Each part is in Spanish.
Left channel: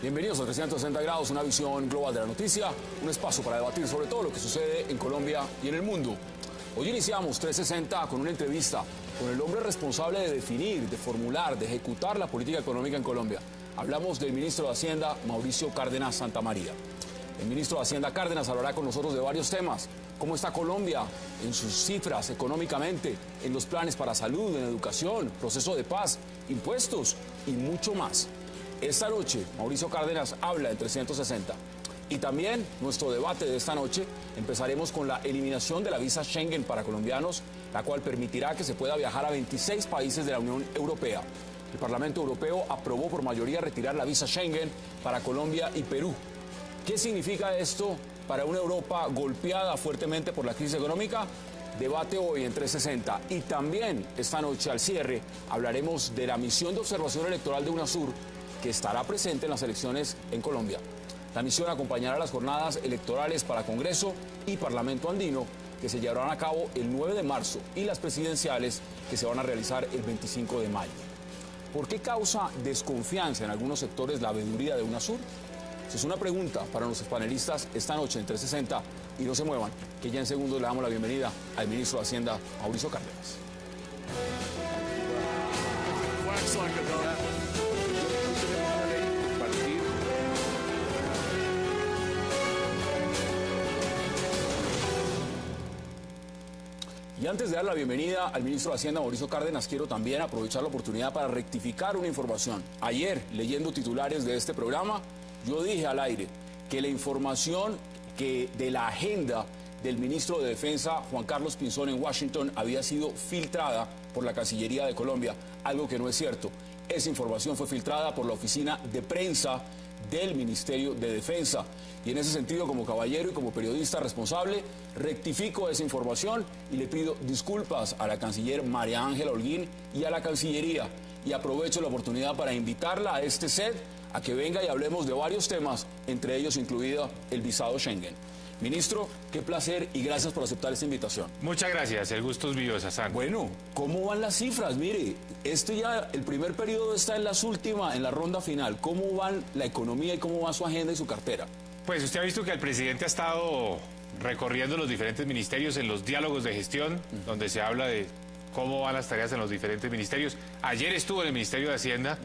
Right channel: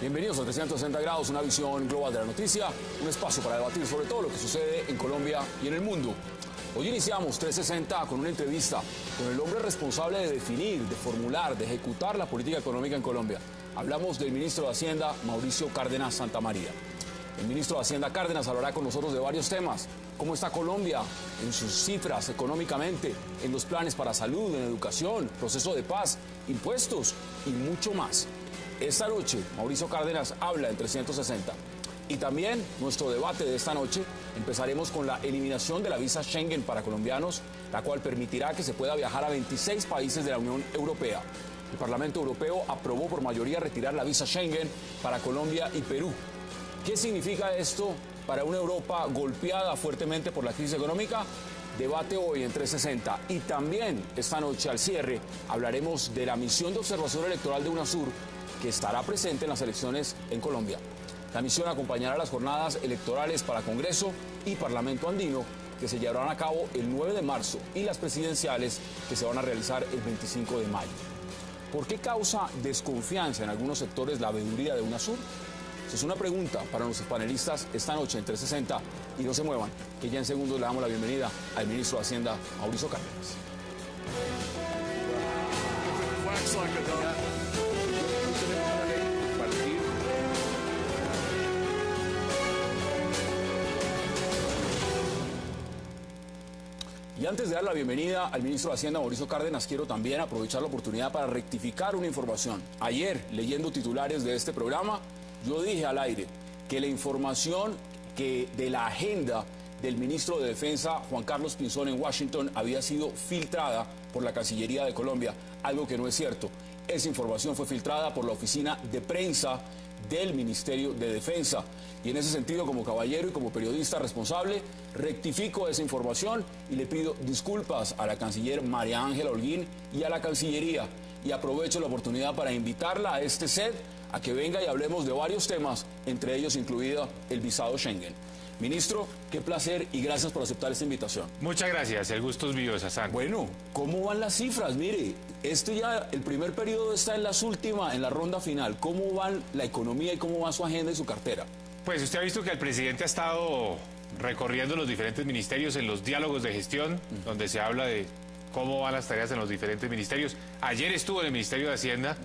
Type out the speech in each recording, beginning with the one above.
Bienvenidos a 360 grados, una visión global de la noticia, un espacio para debatir sobre todo lo que sucede en Colombia y en el mundo. Hoy iniciamos 360 con una entrevista con el hombre responsable de definir, de formular, de ejecutar la política económica en Colombia. Hablamos del ministro de Hacienda, Mauricio Cárdenas Santamaría. El ministro de Hacienda Cárdenas hablará con nosotros de varios temas. ¿Cómo está Colombia en sus cifras económicamente, en los planes para salud, en educación, proceso de paz, impuestos y mucho más? Esta noche, Mauricio Cárdenas habla en 360. Y también nuestro debate de esta noche, empezaremos con la eliminación de la visa Schengen para colombianos, la cual permitirá que se pueda viajar a 26 países de la Unión Europea. El Parlamento Europeo aprobó por mayoría retirar la visa Schengen para Colombia y Perú. ¿Qué significa esto para una Europa golpeada fuertemente por la crisis económica? Debate hoy en 360. Y también esta noche al cierre hablaremos de la misión de observación electoral de UNASUR, que estará presente en las elecciones en Colombia. La misión acompañará las jornadas electorales para Congreso y Parlamento Andino, que se llevarán a cabo el 9 de marzo, y las presidenciales, que se van a realizar el 25 de mayo. ¿Por qué causa desconfianza en algunos sectores la veeduría de UNASUR? Esa es una pregunta para nuestros panelistas esta noche en 360. Y no se muevan, que ya en segundos le damos la bienvenida al ministro de Hacienda, Mauricio Cárdenas. Y antes de dar la bienvenida al ministro de Hacienda, Mauricio Cárdenas, quiero también aprovechar la oportunidad para rectificar una información. Ayer, leyendo titulares de este programa, yo dije al aire que la información de la agenda del ministro de Defensa, Juan Carlos Pinzón, en Washington, había sido filtrada por la Cancillería de Colombia, algo que no es cierto. Esa información fue filtrada por la oficina de prensa del Ministerio de Defensa. Y en ese sentido, como caballero y como periodista responsable, rectifico esa información y le pido disculpas a la canciller María Ángela Holguín y a la Cancillería. Y aprovecho la oportunidad para invitarla a este set a que venga y hablemos de varios temas, entre ellos incluida el visado Schengen. Ministro, qué placer y gracias por aceptar esta invitación. Muchas gracias, el gusto es mío, Sazán. Bueno, ¿cómo van las cifras? Mire, el primer periodo está en en la ronda final. ¿Cómo va la economía y cómo va su agenda y su cartera? Pues usted ha visto que el presidente ha estado recorriendo los diferentes ministerios en los diálogos de gestión, donde se habla de cómo van las tareas en los diferentes ministerios. Ayer estuvo en el Ministerio de Hacienda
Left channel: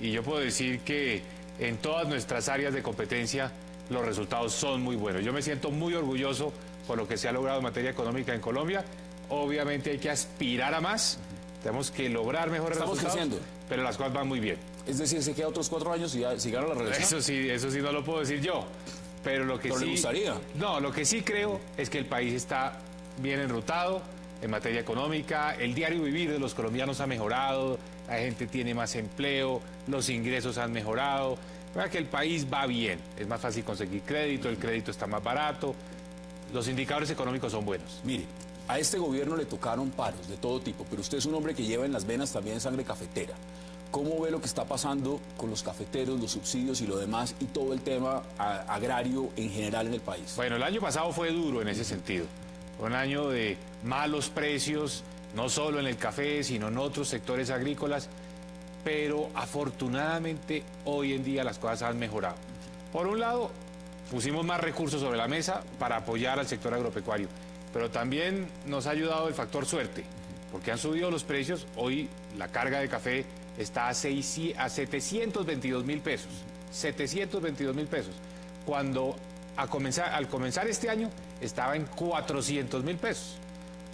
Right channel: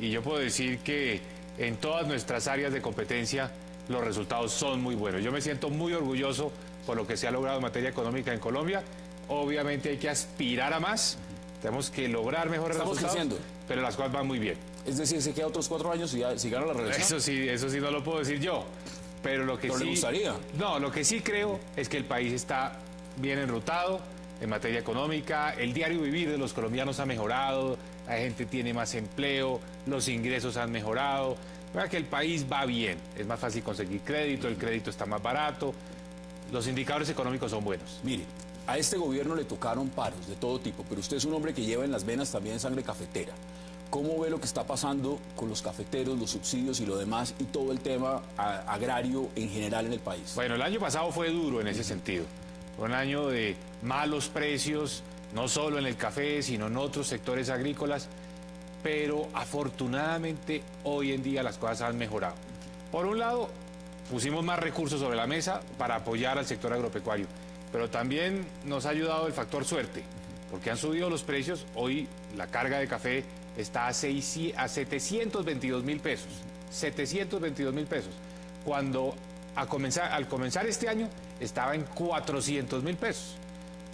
y yo puedo decir que en todas nuestras áreas de competencia los resultados son muy buenos. Yo me siento muy orgulloso por lo que se ha logrado en materia económica en Colombia. Obviamente hay que aspirar a más, tenemos que lograr mejores resultados, pero las cosas van muy bien. Es decir, se queda otros 4 años y ya se gana la reelección. Eso sí no lo puedo decir yo, pero lo que sí... ¿Le gustaría? No, lo que sí creo es que el país está bien enrutado en materia económica, el diario vivir de los colombianos ha mejorado, la gente tiene más empleo, los ingresos han mejorado, para que el país va bien, es más fácil conseguir crédito, el crédito está más barato, los indicadores económicos son buenos. Mire, a este gobierno le tocaron paros de todo tipo, pero usted es un hombre que lleva en las venas también sangre cafetera. ¿Cómo ve lo que está pasando con los cafeteros, los subsidios y lo demás, y todo el tema agrario en general en el país? Bueno, el año pasado fue duro en ese sentido. Fue un año de malos precios, no solo en el café, sino en otros sectores agrícolas, pero afortunadamente hoy en día las cosas han mejorado. Por un lado, pusimos más recursos sobre la mesa para apoyar al sector agropecuario, pero también nos ha ayudado el factor suerte, porque han subido los precios. Hoy la carga de café está a 722.000 pesos. 722.000 pesos. Cuando al comenzar este año estaba en 400.000 pesos.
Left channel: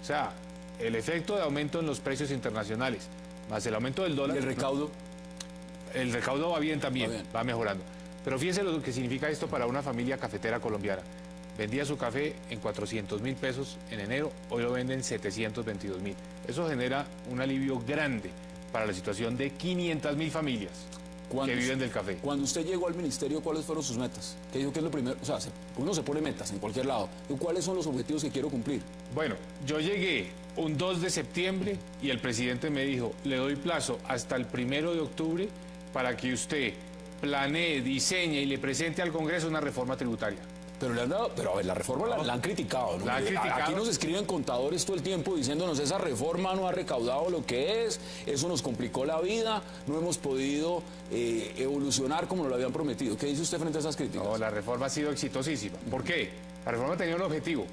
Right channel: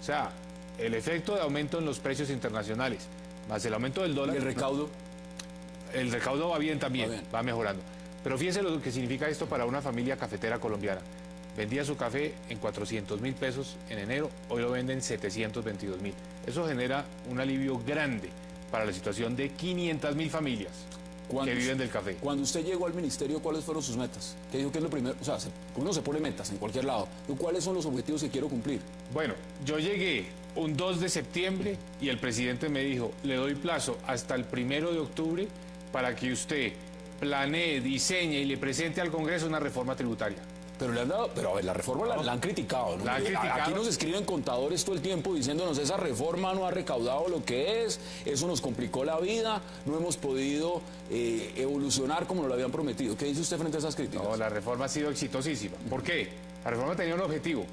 O sea, el efecto de aumento en los precios internacionales, más el aumento del dólar. ¿El recaudo? El recaudo va bien también, va mejorando. Pero fíjense lo que significa esto para una familia cafetera colombiana. Vendía su café en 400.000 pesos en enero, hoy lo venden en 722.000. Eso genera un alivio grande para la situación de 500.000 familias que viven del café. Cuando usted llegó al ministerio, ¿cuáles fueron sus metas? ¿Qué dijo que es lo primero? O sea, uno se pone metas en cualquier lado. ¿Cuáles son los objetivos que quiero cumplir? Bueno, yo llegué un 2 de septiembre y el presidente me dijo, le doy plazo hasta el 1 de octubre para que usted planee, diseñe y le presente al Congreso una reforma tributaria. Pero, pero a ver, la reforma la han criticado, ¿no? La han criticado. Aquí nos escriben contadores todo el tiempo diciéndonos esa reforma no ha recaudado lo que es, eso nos complicó la vida, no hemos podido evolucionar como lo habían prometido. ¿Qué dice usted frente a esas críticas? No, la reforma ha sido exitosísima. ¿Por qué? La reforma tenía un objetivo:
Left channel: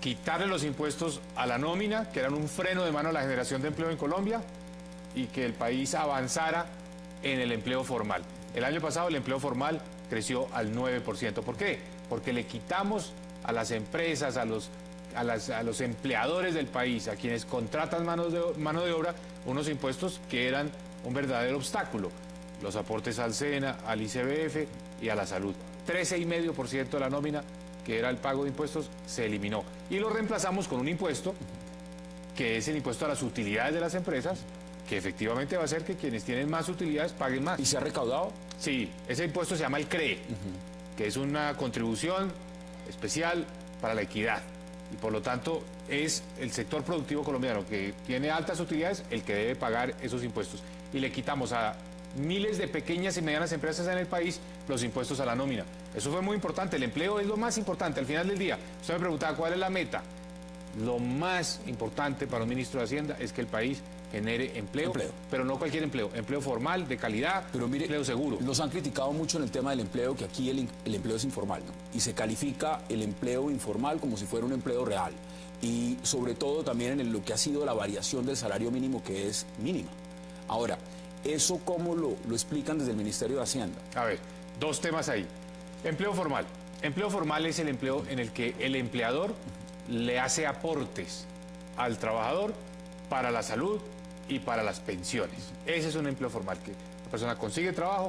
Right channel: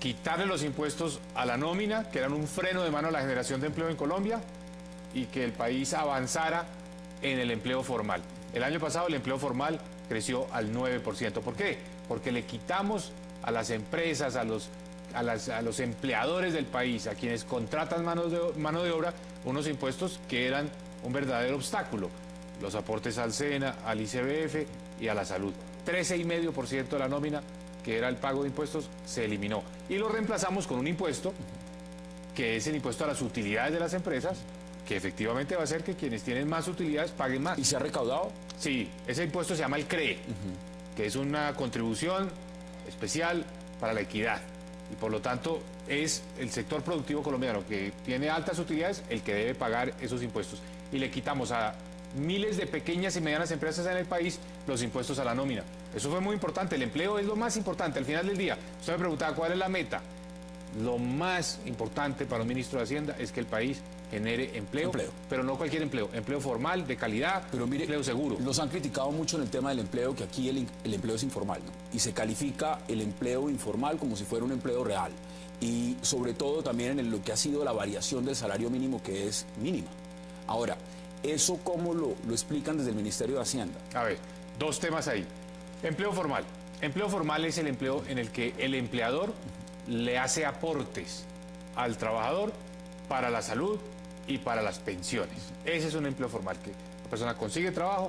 quitarle los impuestos a la nómina, que eran un freno de mano a la generación de empleo en Colombia, y que el país avanzara en el empleo formal. El año pasado el empleo formal creció al 9%. ¿Por qué? Porque le quitamos a las empresas, a los empleadores del país, a quienes contratan mano de obra, unos impuestos que eran un verdadero obstáculo. Los aportes al SENA, al ICBF y a la salud. 13,5% de la nómina, que era el pago de impuestos, se eliminó. Y lo reemplazamos con un impuesto, que es el impuesto a las utilidades de las empresas, que efectivamente va a hacer que quienes tienen más utilidades paguen más. ¿Y se ha recaudado? Sí, ese impuesto se llama el CREE, que es una contribución especial para la equidad. Y por lo tanto es el sector productivo colombiano que tiene altas utilidades el que debe pagar esos impuestos. Y le quitamos a miles de pequeñas y medianas empresas en el país los impuestos a la nómina. Eso fue muy importante. El empleo es lo más importante. Al final del día, usted me preguntaba cuál es la meta. Lo más importante para un ministro de Hacienda es que el país genere empleo, pero no cualquier empleo, empleo formal, de calidad, pero mire, empleo seguro. Nos han criticado mucho en el tema del empleo, que aquí el empleo es informal, ¿no? Y se califica el empleo informal como si fuera un empleo real. Y sobre todo también en lo que ha sido la variación del salario mínimo, que es mínima. Ahora, ¿eso cómo lo explican desde el Ministerio de Hacienda? A ver, dos temas ahí. Empleo formal. Empleo formal es el empleo en el que el empleador le hace aportes al trabajador para la salud y para las pensiones. Ese es un empleo formal, que la persona consigue trabajo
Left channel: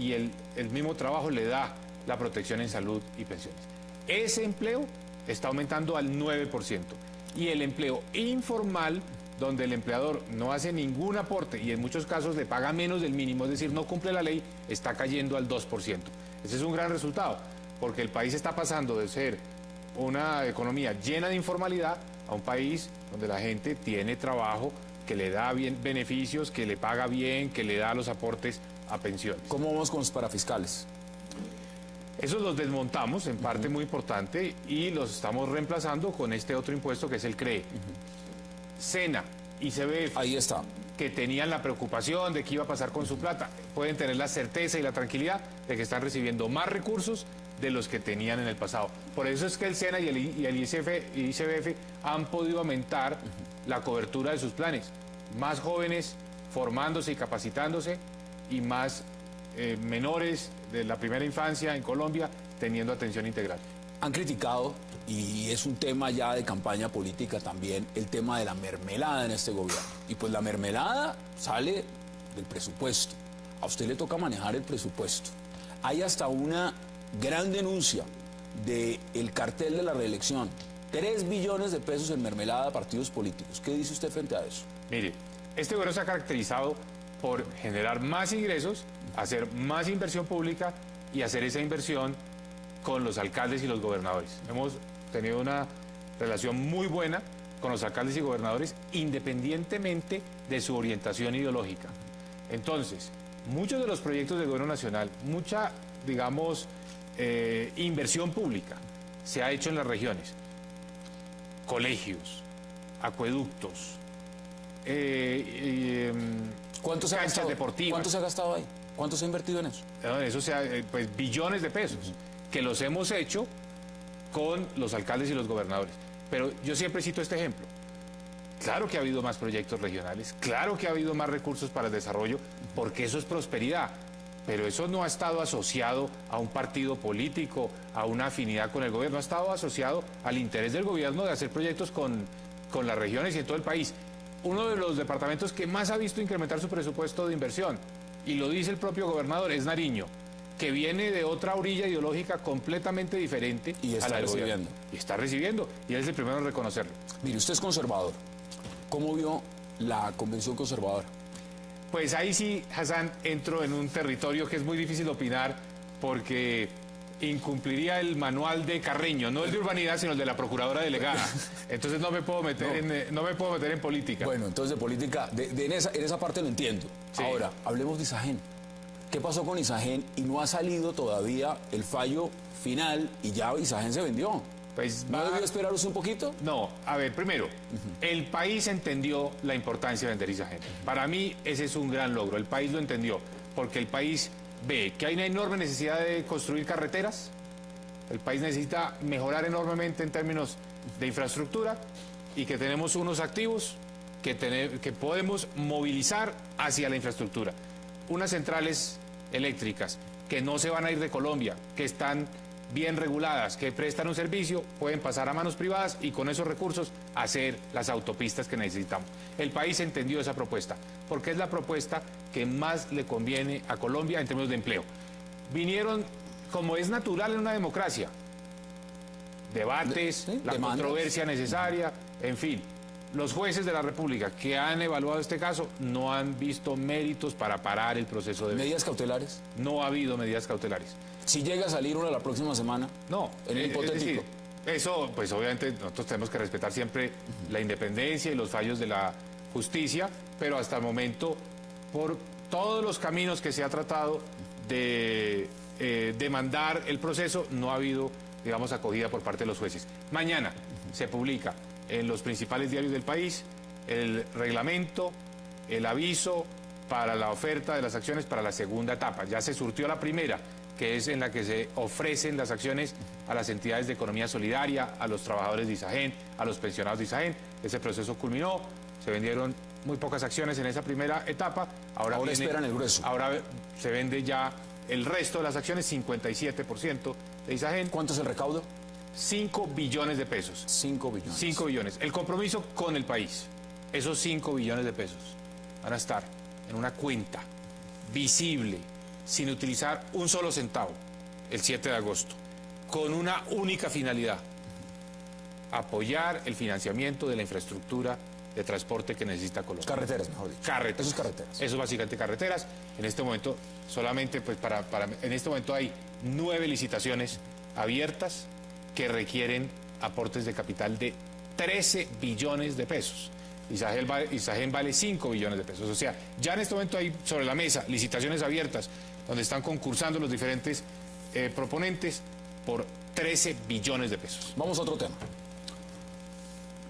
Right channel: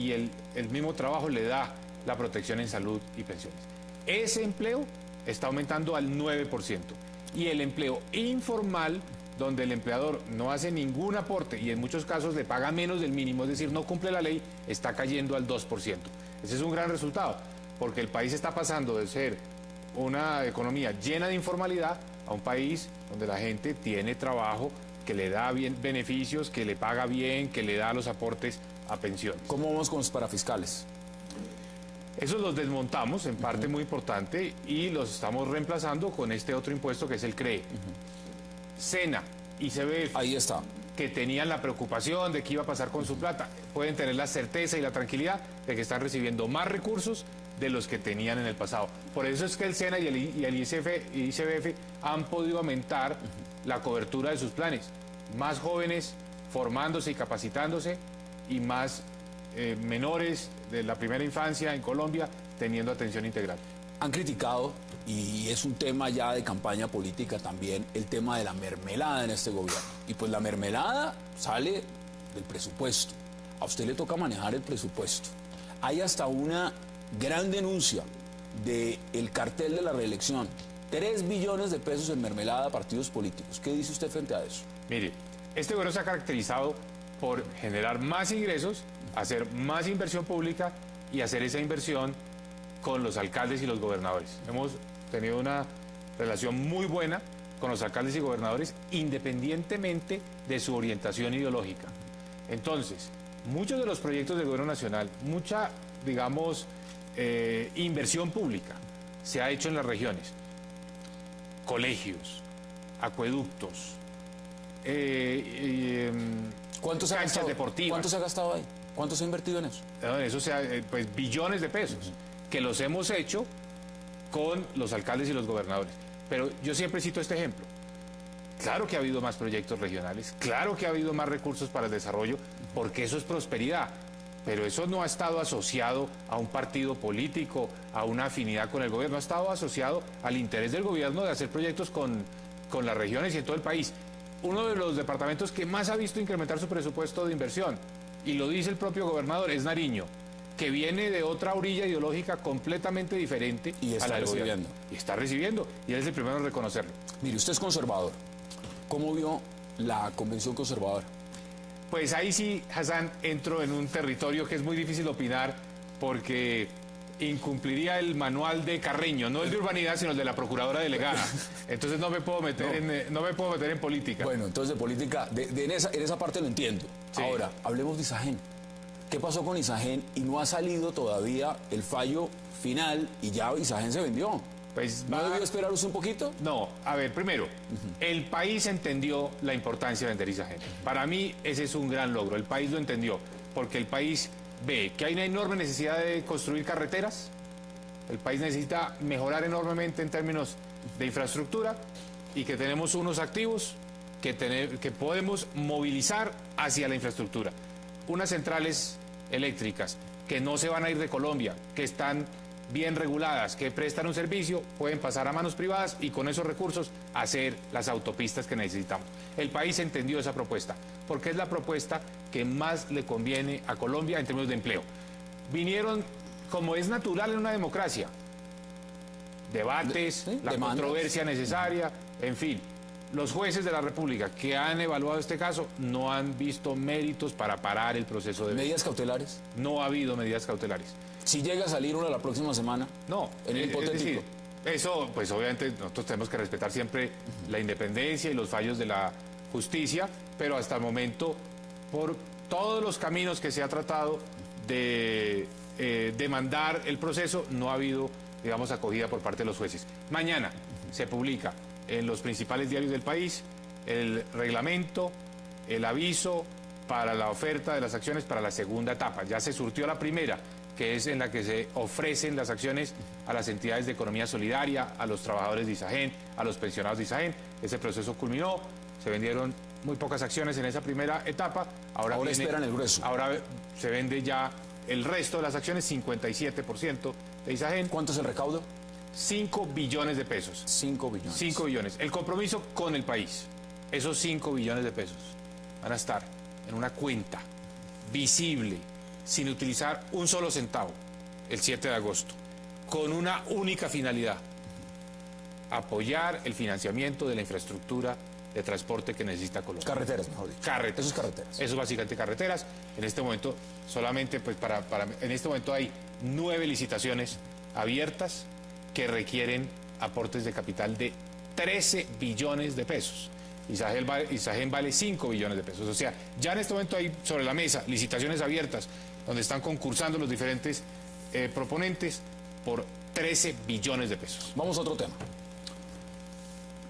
y el mismo trabajo le da la protección en salud y pensiones. Ese empleo está aumentando al 9%. Y el empleo informal, donde el empleador no hace ningún aporte y en muchos casos le paga menos del mínimo, es decir, no cumple la ley, está cayendo al 2%. Ese es un gran resultado, porque el país está pasando de ser una economía llena de informalidad a un país donde la gente tiene trabajo, que le da bien beneficios, que le paga bien, que le da los aportes a pensiones. ¿Cómo vamos con los parafiscales? Esos los desmontamos en parte muy importante y los estamos reemplazando con este otro impuesto que es el CREE. SENA y ICBF, ahí está, que tenían la preocupación de qué iba a pasar con su plata, pueden tener la certeza y la tranquilidad de que están recibiendo más recursos de los que tenían en el pasado. Por eso es que el SENA y el ICBF han podido aumentar la cobertura de sus planes. Más jóvenes formándose y capacitándose y más menores de la primera infancia en Colombia teniendo atención integral. Han criticado, y es un tema ya de campaña política también, el tema de la mermelada en este gobierno. Y pues la mermelada sale del presupuesto. A usted le toca manejar el presupuesto. Hay hasta una gran denuncia del cartel de la reelección. 3 billones de pesos en mermelada a partidos políticos. ¿Qué dice usted frente a eso? Mire, este gobierno se ha caracterizado por generar más ingresos, hacer más inversión pública y hacer esa inversión con los alcaldes y los gobernadores. Hemos tenido una relación muy buena con los alcaldes y gobernadores independientemente de su orientación ideológica. Entonces, muchos de los proyectos del gobierno nacional, mucha, digamos, inversión pública se ha hecho en las regiones. Colegios, acueductos, ¿Cuánto se ha gastado? Deportivas. ¿Cuánto se ha gastado ahí? ¿Cuánto se ha invertido en eso? Eso sea, pues billones de pesos, que los hemos hecho con los alcaldes y los gobernadores. Pero yo siempre cito este ejemplo. Claro que ha habido más proyectos regionales, claro que ha habido más recursos para el desarrollo, porque eso es prosperidad. Pero eso no ha estado asociado a un partido político, a una afinidad con el gobierno, ha estado asociado al interés del gobierno de hacer proyectos con las regiones y en todo el país. Uno de los departamentos que más ha visto incrementar su presupuesto de inversión, y lo dice el propio gobernador, es Nariño, que viene de otra orilla ideológica completamente diferente y está a la del recibiendo. gobierno. Y está recibiendo, y él es el primero en reconocerlo. Mire, usted es conservador. ¿Cómo vio la convención conservadora? Pues ahí sí, Hassan, entro en un territorio que es muy difícil opinar porque incumpliría el manual de Carreño, no el de urbanidad, sino el de la procuradora delegada. Entonces no me puedo meter, no me puedo meter en política. Bueno, entonces de política, en esa parte lo entiendo. Sí. Ahora, hablemos de Isagen. ¿Qué pasó con Isagen? Y no ha salido todavía el fallo final y ya Isagen se vendió. Pues ¿No debió esperar un poquito? No, a ver, primero, el país entendió la importancia de vender Isagen. Para mí ese es un gran logro, el país lo entendió, porque el país ve que hay una enorme necesidad de construir carreteras, el país necesita mejorar enormemente en términos de infraestructura y que tenemos unos activos que podemos movilizar hacia la infraestructura. Unas centrales eléctricas que no se van a ir de Colombia, que están bien reguladas, que prestan un servicio, pueden pasar a manos privadas y con esos recursos hacer las autopistas que necesitamos. El país entendió esa propuesta, porque es la propuesta que más le conviene a Colombia en términos de empleo. Vinieron, como es natural en una democracia, debates, la controversia necesaria, en fin. Los jueces de la República que han evaluado este caso no han visto méritos para parar el proceso de... ¿Medidas cautelares? No ha habido medidas cautelares. Si llega a salir una la próxima semana, no, en el hipotético. Es decir, eso, pues obviamente nosotros tenemos que respetar siempre la independencia y los fallos de la justicia, pero hasta el momento, por todos los caminos que se ha tratado de demandar el proceso, no ha habido, digamos, acogida por parte de los jueces. Mañana se publica en los principales diarios del país el reglamento, el aviso para la oferta de las acciones para la segunda etapa. Ya se surtió la primera, que es en la que se ofrecen las acciones a las entidades de economía solidaria, a los trabajadores de Isagen, a los pensionados de Isagen. Ese proceso culminó, se vendieron muy pocas acciones en esa primera etapa. Ahora esperan el grueso. Ahora se vende ya el resto de las acciones, 57% de Isagen. ¿Cuánto es el recaudo? 5 billones de pesos. 5 billones. 5 billones. El compromiso con el país. Esos 5 billones de pesos van a estar en una cuenta visible, sin utilizar un solo centavo, el 7 de agosto, con una única finalidad: apoyar el financiamiento de la infraestructura de transporte que necesita Colombia. Carreteras, mejor dicho. Carreteras. Eso es carreteras. Eso es básicamente carreteras. En este momento, solamente, pues en este momento hay 9 licitaciones abiertas que requieren aportes de capital de 13 billones de pesos. Isagen vale 5 billones de pesos. O sea, ya en este momento hay sobre la mesa licitaciones abiertas donde están concursando los diferentes proponentes por 13 billones de pesos. Vamos a otro tema.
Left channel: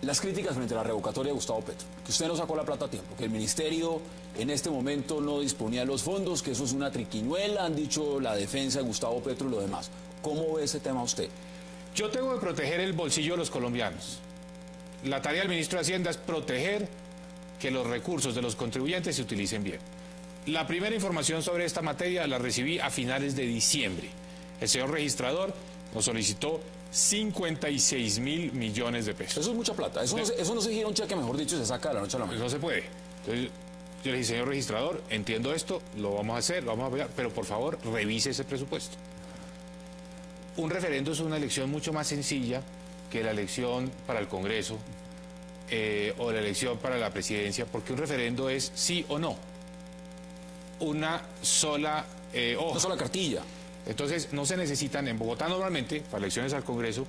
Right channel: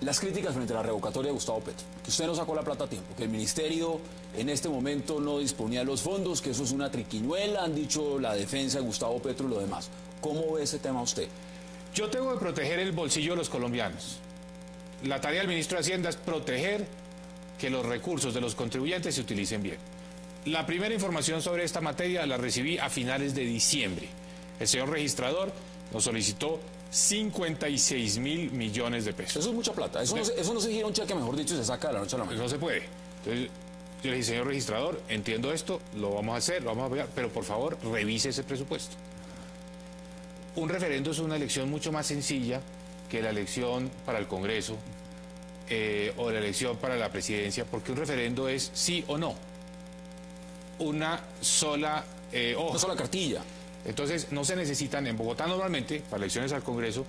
Las críticas frente a la revocatoria de Gustavo Petro, que usted no sacó la plata a tiempo, que el ministerio en este momento no disponía de los fondos, que eso es una triquiñuela, han dicho la defensa de Gustavo Petro y lo demás. ¿Cómo ve ese tema usted? Yo tengo que proteger el bolsillo de los colombianos. La tarea del ministro de Hacienda es proteger que los recursos de los contribuyentes se utilicen bien. La primera información sobre esta materia la recibí a finales de diciembre. El señor registrador nos solicitó 56.000 millones de pesos. Eso es mucha plata. Eso no se gira un cheque, mejor dicho, se saca de la noche a la mañana. No se puede. Entonces, yo le dije, señor registrador, entiendo esto, lo vamos a hacer, lo vamos a ver, pero por favor, revise ese presupuesto. Un referendo es una elección mucho más sencilla que la elección para el Congreso o la elección para la presidencia, porque un referendo es sí o no. Una sola hoja. Una sola cartilla. Entonces, no se necesitan, en Bogotá normalmente, para elecciones al Congreso,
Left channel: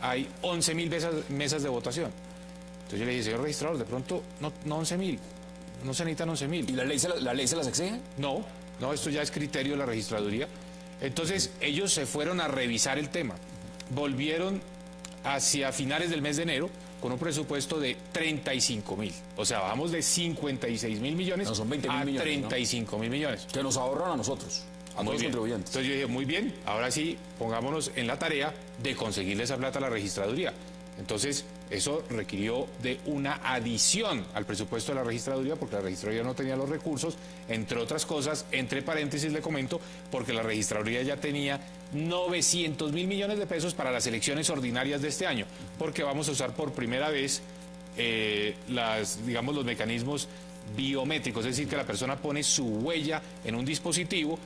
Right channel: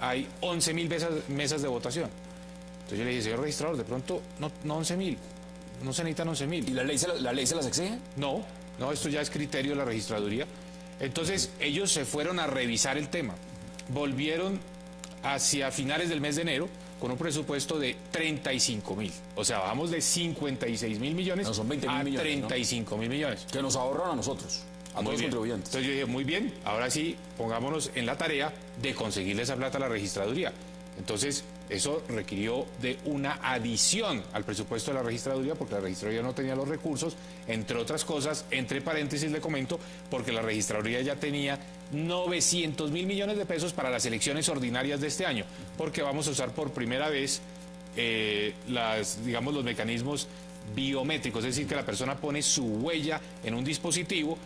hay 11.000 mesas de votación. Entonces yo le dije, señor registrador, de pronto, no 11.000, no se necesitan 11.000. ¿Y la ley se las exige? No, esto ya es criterio de la registraduría. Entonces, ellos se fueron a revisar el tema. Volvieron hacia finales del mes de enero con un presupuesto de 35.000. O sea, bajamos de 56.000 millones son 20.000 a millones, 35.000 millones. Que nos ahorran a nosotros, a todos los contribuyentes. Entonces yo dije, muy bien, ahora sí, pongámonos en la tarea de conseguirle esa plata a la registraduría. Entonces, eso requirió de una adición al presupuesto de la registraduría, porque la registraduría no tenía los recursos, entre otras cosas, entre paréntesis le comento, porque la registraduría ya tenía 900.000 millones de pesos para las elecciones ordinarias de este año, porque vamos a usar por primera vez los mecanismos biométricos, es decir, que la persona pone su huella en un dispositivo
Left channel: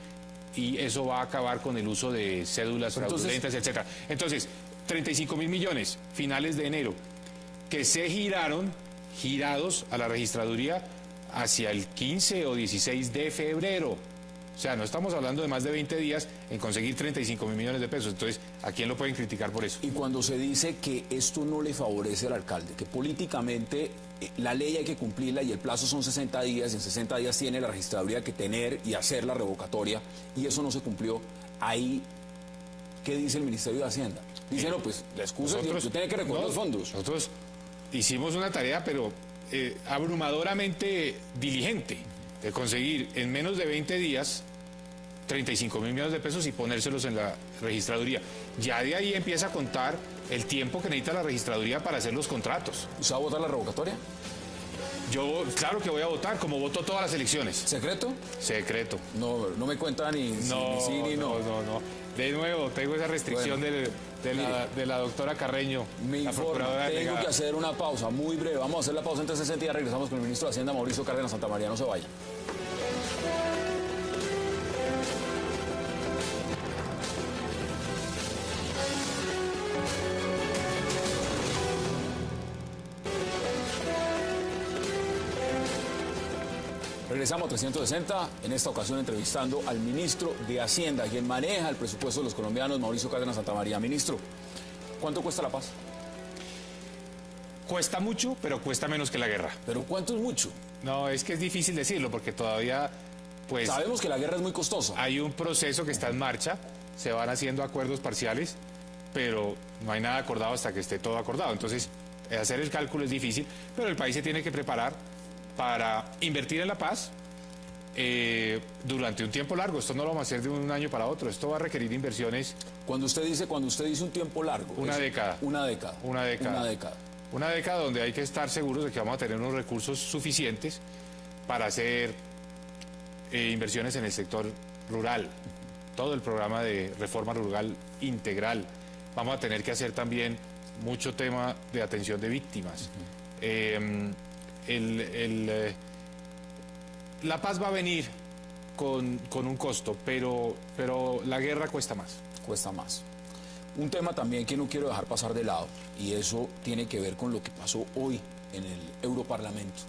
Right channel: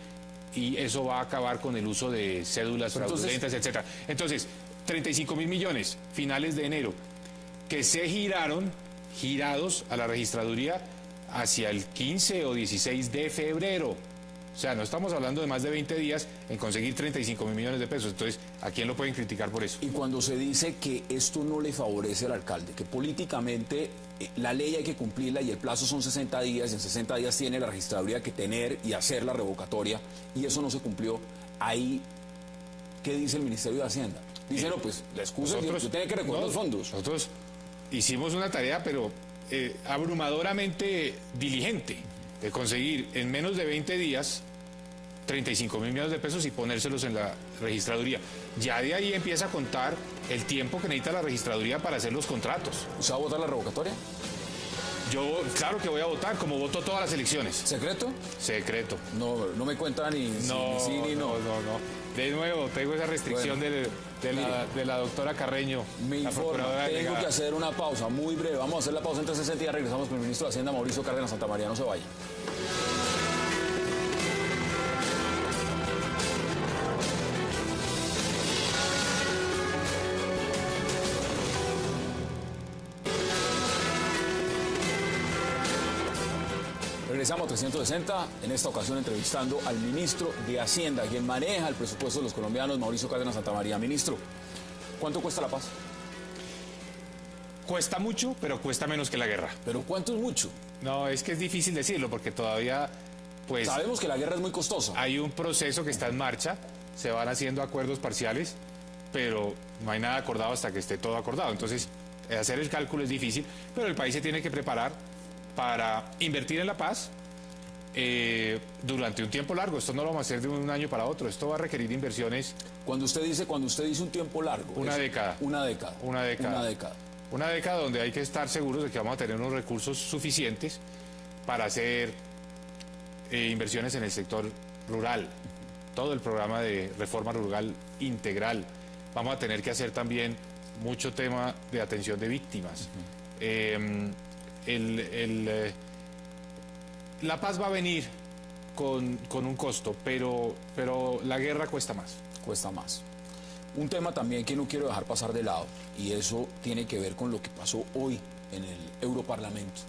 y eso va a acabar con el uso de cédulas fraudulentas, etcétera. Entonces, 35.000 millones, finales de enero, que se girados a la registraduría hacia el 15 o 16 de febrero. O sea, no estamos hablando de más de 20 días en conseguir 35.000 millones de pesos. Entonces, ¿a quién lo pueden criticar por eso? Y cuando se dice que esto no le favorece al alcalde, que políticamente la ley hay que cumplirla y el plazo son 60 días, y en 60 días tiene la registraduría que tener y hacer la revocatoria, y eso no se cumplió, ahí, ¿qué dice el Ministerio de Hacienda? Dice, no, pues la excusa es que usted tiene que recoger los fondos. Nosotros hicimos una tarea, pero abrumadoramente diligente, de conseguir en menos de 20 días 35.000 millones de pesos y ponérselos en la registraduría. Ya de ahí empieza a contar el tiempo que necesita la registraduría para hacer los contratos. ¿Usted va a votar la revocatoria? Yo, claro que voy a votar, como voto todas las elecciones. ¿Secreto? Secreto. No me cuenta ni sí ni no. No. De nuevo, tengo esa restricción de la doctora Carreño. Me la informo, procuradora tengo delegada. que hacer una pausa muy breve. Vamos a hacer la pausa entre 60 días. Regresamos con el ministro de Hacienda, Mauricio Cárdenas Santamaría. No se vaya. Regresamos a 360, en esta ocasión entrevistando al ministro de Hacienda, quien maneja el presupuesto de los colombianos, Mauricio Cárdenas Santamaría. Ministro, ¿cuánto cuesta la paz? Cuesta mucho, pero cuesta menos que la guerra. ¿Pero cuánto es mucho? No, es que es difícil decirlo, porque todavía, pues, Sabemos que la guerra es muy costosa. hay un proceso que está en marcha, se van haciendo acuerdos parciales, pero no hay nada acordado hasta que esté todo acordado. Entonces, hacer el cálculo es difícil, pero el país se tiene que preparar para invertir en la paz durante un tiempo largo. Esto no lo vamos a hacer de un año para otro, esto va a requerir inversiones. Cuando usted dice un tiempo largo. Una década. Una década. Una década. Una década. Una década donde hay que estar seguros de que vamos a tener unos recursos suficientes para hacer inversiones en el sector rural, todo el programa de reforma rural integral. Vamos a tener que hacer también mucho tema de atención de víctimas. La paz va a venir con un costo, pero la guerra cuesta más. Cuesta más. Un tema también que no quiero dejar pasar de lado, y eso tiene que ver con lo que pasó hoy en el Europarlamento,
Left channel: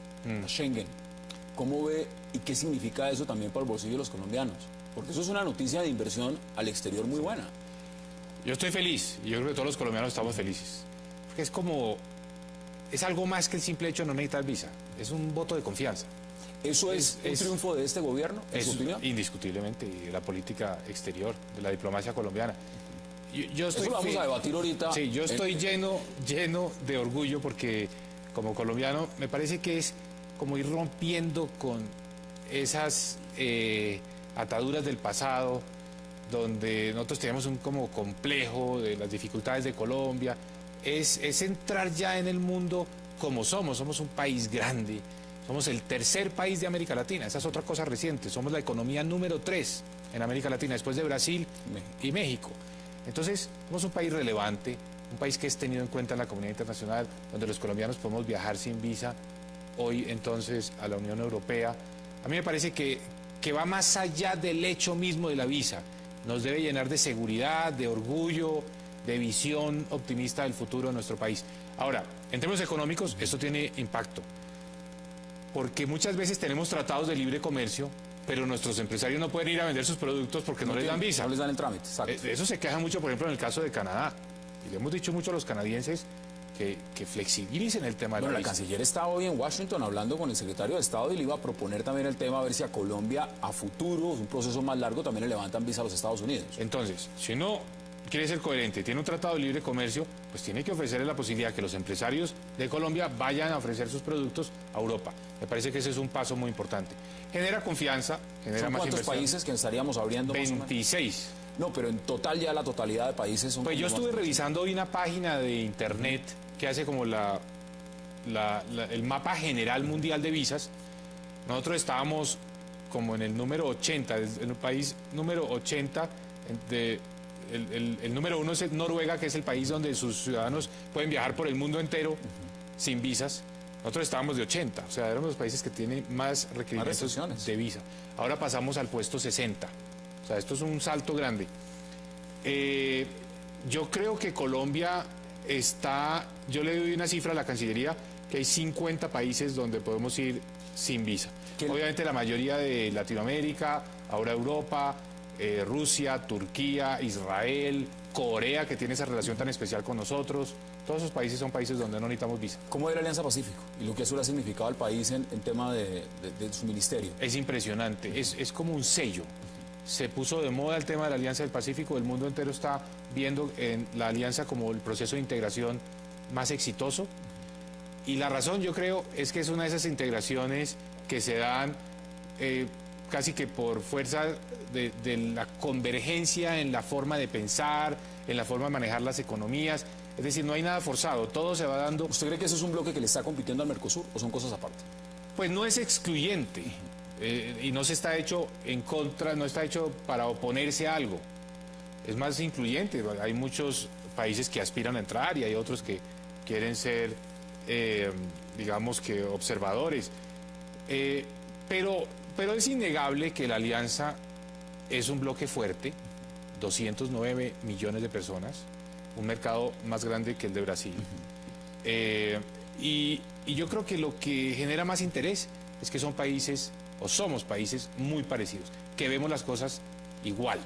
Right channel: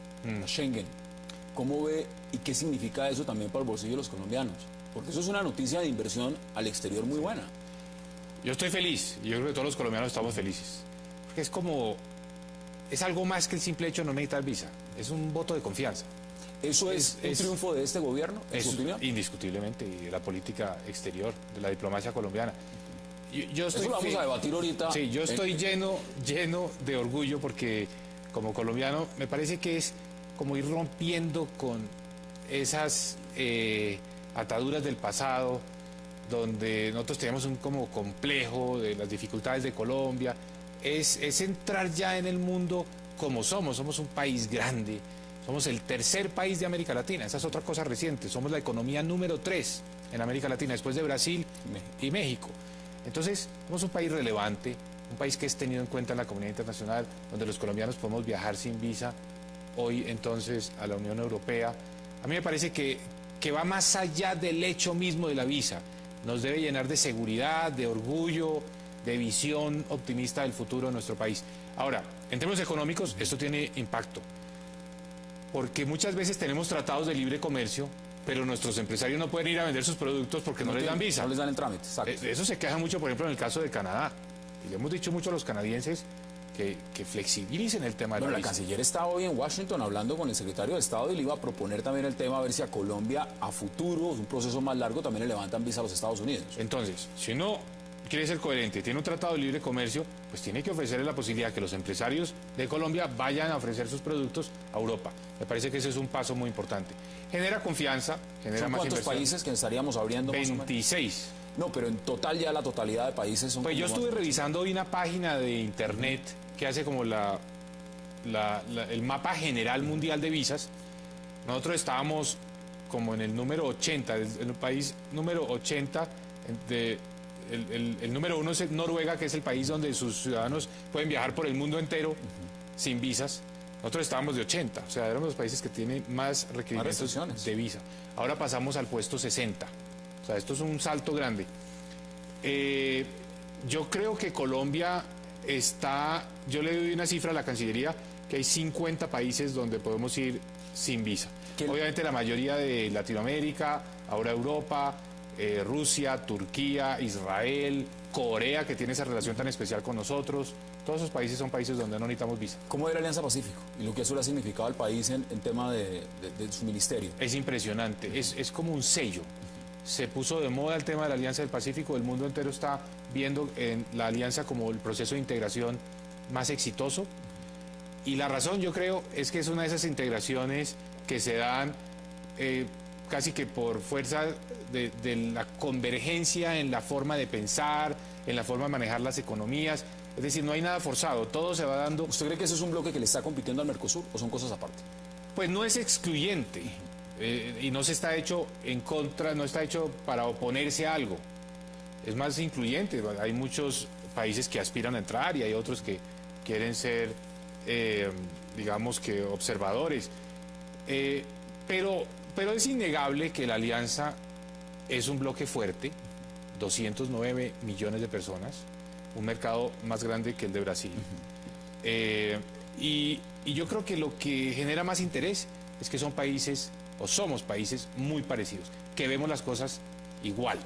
Schengen. ¿Cómo ve y qué significa eso también para el bolsillo de los colombianos? Porque eso es una noticia de inversión al exterior muy buena. Yo estoy feliz, y yo creo que todos los colombianos estamos felices. Es algo más que el simple hecho de no necesitar visa. Es un voto de confianza. ¿Eso es un triunfo de este gobierno, en su Es opinión? indiscutiblemente de la política exterior, de la diplomacia colombiana. Yo estoy Eso lo vamos a debatir ahorita. Sí, yo estoy lleno de orgullo porque como colombiano me parece que es como ir rompiendo con esas ataduras del pasado, donde nosotros tenemos un como complejo de las dificultades de Colombia. Es entrar ya en el mundo como somos un país grande, somos el tercer país de América Latina, esa es otra cosa reciente, somos la economía número 3 en América Latina, después de Brasil y México. Entonces, somos un país relevante, un país que es tenido en cuenta en la comunidad internacional, donde los colombianos podemos viajar sin visa, hoy entonces a la Unión Europea. A mí me parece que va más allá del hecho mismo de la visa, nos debe llenar de seguridad, de orgullo, de visión optimista del futuro de nuestro país. Ahora, en términos económicos, esto tiene impacto, porque muchas veces tenemos tratados de libre comercio, pero nuestros empresarios no pueden ir a vender sus productos porque no les dan visa. No les dan el trámite, exacto. Eso se queja mucho, por ejemplo, en el caso de Canadá. Y le hemos dicho mucho a los canadienses que flexibilicen el tema de Bueno, la el visa. canciller está hoy en Washington hablando con el secretario de Estado y le iba a proponer también el tema, a ver si a Colombia a futuro, un proceso más largo, también le levantan visa a los Estados Unidos. Entonces, si uno quiere ser coherente, tiene un tratado de libre comercio, pues tiene que ofrecerle la posibilidad que los empresarios de Colombia vayan a ofrecer sus productos a Europa. Me parece que ese es un paso muy importante. Genera confianza, genera ¿Son más cuántos inversión. países que estaríamos abriendo más o menos? 26. No, pero en total ya la totalidad de países son... Pues yo estuve revisando hoy una página de internet que hace como el mapa general mundial de visas. Nosotros estábamos como en el número 80, en el país número 80. El número 1 es Noruega, que es el país donde sus ciudadanos pueden viajar por el mundo entero sin visas. Nosotros estábamos de 80, o sea, éramos los países que tienen más requerimientos de visa. Ahora pasamos al puesto 60. O sea, esto es un salto grande. Yo creo que Colombia está, yo le doy una cifra a la Cancillería, que hay 50 países donde podemos ir sin visa. Obviamente la mayoría de Latinoamérica, Ahora Europa, Rusia, Turquía, Israel, Corea, que tiene esa relación tan especial con nosotros. Todos esos países son países donde no necesitamos visa. ¿Cómo es la Alianza Pacífico y lo que eso le ha significado al país en tema de su ministerio? Es impresionante, es como un sello. Se puso de moda el tema de la Alianza del Pacífico, el mundo entero está viendo en la alianza como el proceso de integración más exitoso. Y la razón, yo creo, es que es una de esas integraciones que se dan casi que por fuerza de la convergencia en la forma de pensar, en la forma de manejar las economías. Es decir, no hay nada forzado, todo se va dando. ¿Usted cree que eso es un bloque que le está compitiendo al Mercosur o son cosas aparte? Pues no es excluyente y no se está hecho en contra, no está hecho para oponerse a algo. Es más incluyente. Hay muchos países que aspiran a entrar y hay otros que quieren ser, digamos que observadores. Pero es innegable que la alianza es un bloque fuerte, 209 millones de personas, un mercado más grande que el de Brasil. Y yo creo que lo que genera más interés es que son países, o somos países muy parecidos, que vemos las cosas igual.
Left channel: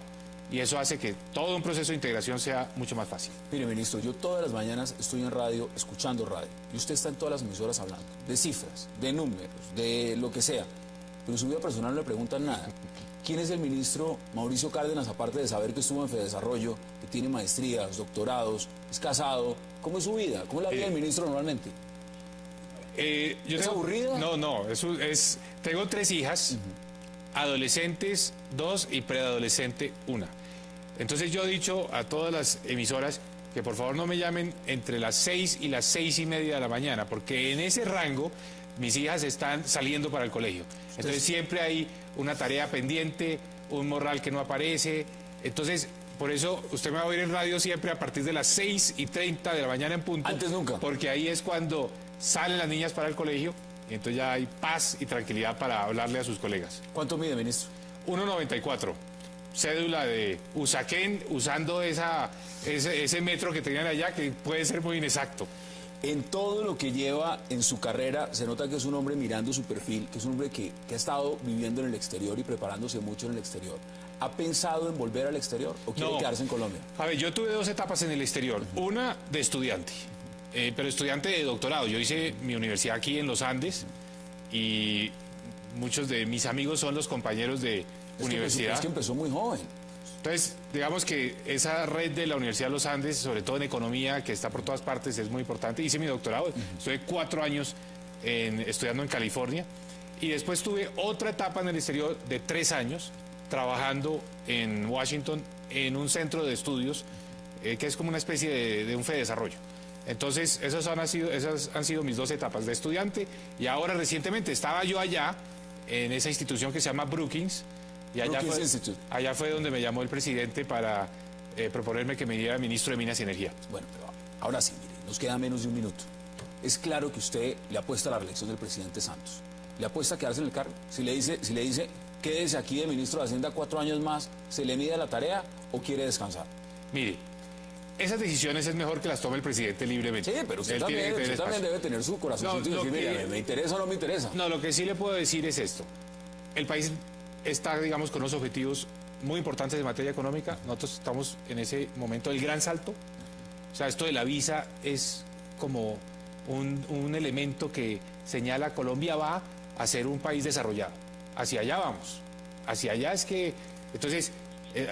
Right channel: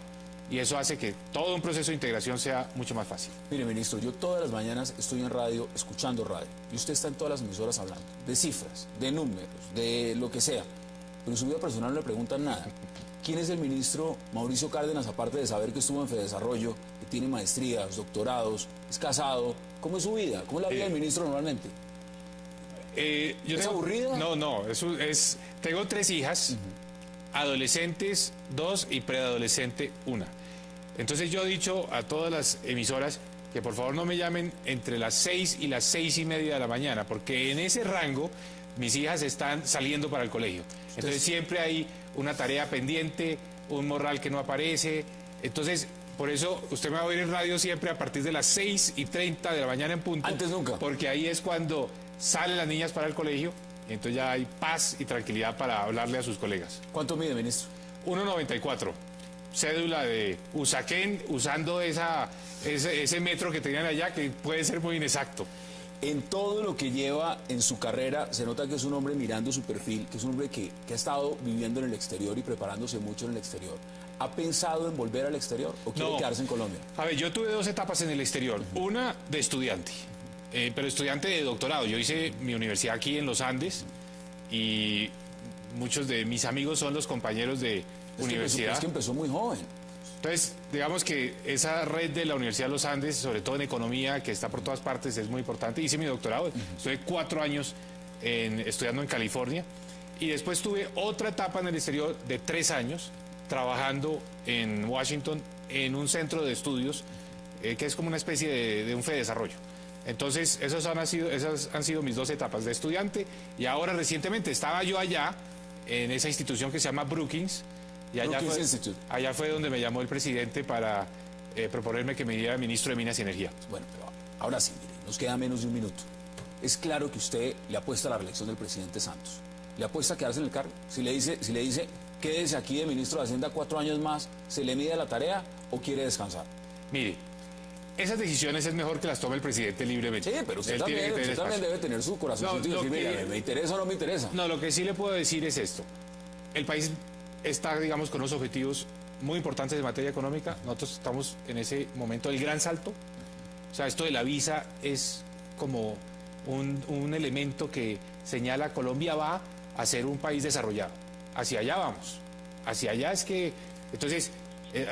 Y eso hace que todo un proceso de integración sea mucho más fácil. Mire, ministro, yo todas las mañanas estoy en radio, escuchando radio, y usted está en todas las emisoras hablando de cifras, de números, de lo que sea, pero en su vida personal no le preguntan nada. ¿Quién es el ministro Mauricio Cárdenas, aparte de saber que estuvo en Fedesarrollo, que tiene maestrías, doctorados, es casado? ¿Cómo es su vida? ¿Cómo es la vida del ministro normalmente? ¿Es aburrida? No, tengo 3 hijas, adolescentes 2 y preadolescente 1. Entonces yo he dicho a todas las emisoras que por favor no me llamen entre las 6 y las 6:30 de la mañana, porque en ese rango mis hijas están saliendo para el colegio. Entonces siempre hay una tarea pendiente, un morral que no aparece. Entonces, por eso usted me va a ver en radio siempre a partir de las 6:30 de la mañana en punto. Antes nunca. Porque ahí es cuando salen las niñas para el colegio y entonces ya hay paz y tranquilidad para hablarle a sus colegas. ¿Cuánto mide, ministro? 1,94. Cédula de Usaquén, usando ese metro que tenían allá, que puede ser muy inexacto. En todo lo que lleva en su carrera, se nota que es un hombre mirando su perfil, que es un hombre que ha estado viviendo en el exterior y preparándose mucho en el exterior. ¿Ha pensado en volver al exterior o quiere quedarse en Colombia? A ver, yo tuve 2 etapas en el exterior. Una de estudiante, pero estudiante de doctorado. Yo hice mi universidad aquí en los Andes y muchos de mis amigos son los compañeros de universidad. Es que empezó muy joven. Entonces, digamos que esa red de la Universidad de los Andes, sobre todo en economía, que está por todas partes, es muy importante. Hice mi doctorado, estuve 4 años estudiando en California y después tuve otra etapa en el exterior de 3 años trabajando en Washington en un centro de estudios que es como una especie de un Fedesarrollo. Entonces, esas han sido mis 2 etapas de estudiante y ahora recientemente estaba yo allá en esa institución que se llama Brookings. Y allá fue donde me llamó el presidente para proponerme que me diera ministro de Minas y Energía. Bueno, pero ahora sí, mire, nos queda menos de un minuto. Es claro que usted le apuesta a la reelección del presidente Santos. ¿Le apuesta a quedarse en el cargo? Si le dice quédese aquí de ministro de Hacienda 4 años más, ¿se le mide la tarea o quiere descansar? Mire, esas decisiones es mejor que las tome el presidente libremente. Sí, pero usted también debe tener su corazón. ¿Me interesa o no me interesa? No, lo que sí le puedo decir es esto. El país está, digamos, con unos objetivos muy importantes en materia económica. Nosotros estamos en ese momento del gran salto. O sea, esto de la visa es como un elemento que señala que Colombia va a ser un país desarrollado. Hacia allá vamos. Hacia allá es que... Entonces,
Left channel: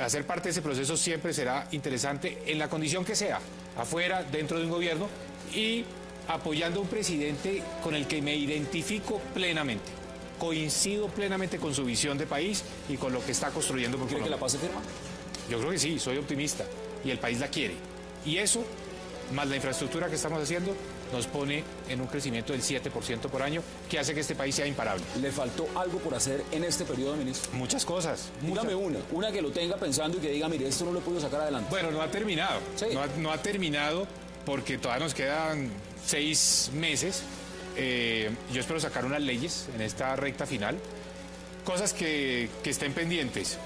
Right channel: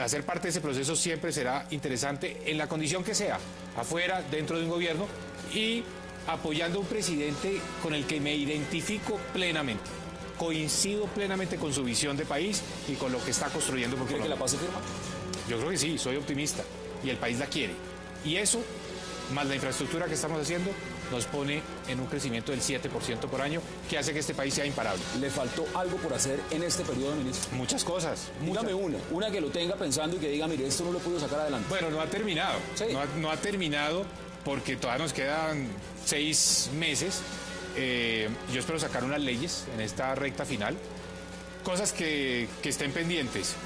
hacer parte de ese proceso siempre será interesante en la condición que sea, afuera, dentro de un gobierno y apoyando a un presidente con el que me identifico plenamente. Coincido plenamente con su visión de país y con lo que está construyendo. ¿Quiere que la paz se firma? Yo creo que sí, soy optimista y el país la quiere. Y eso, más la infraestructura que estamos haciendo, nos pone en un crecimiento del 7% por año que hace que este país sea imparable. ¿Le faltó algo por hacer en este periodo, ministro? Muchas cosas. Dígame una que lo tenga pensando y que diga, mire, esto no lo puedo sacar adelante. Bueno, no ha terminado. Sí. No ha terminado porque todavía nos quedan 6 meses. Yo espero sacar unas leyes en esta recta final, cosas que estén pendientes.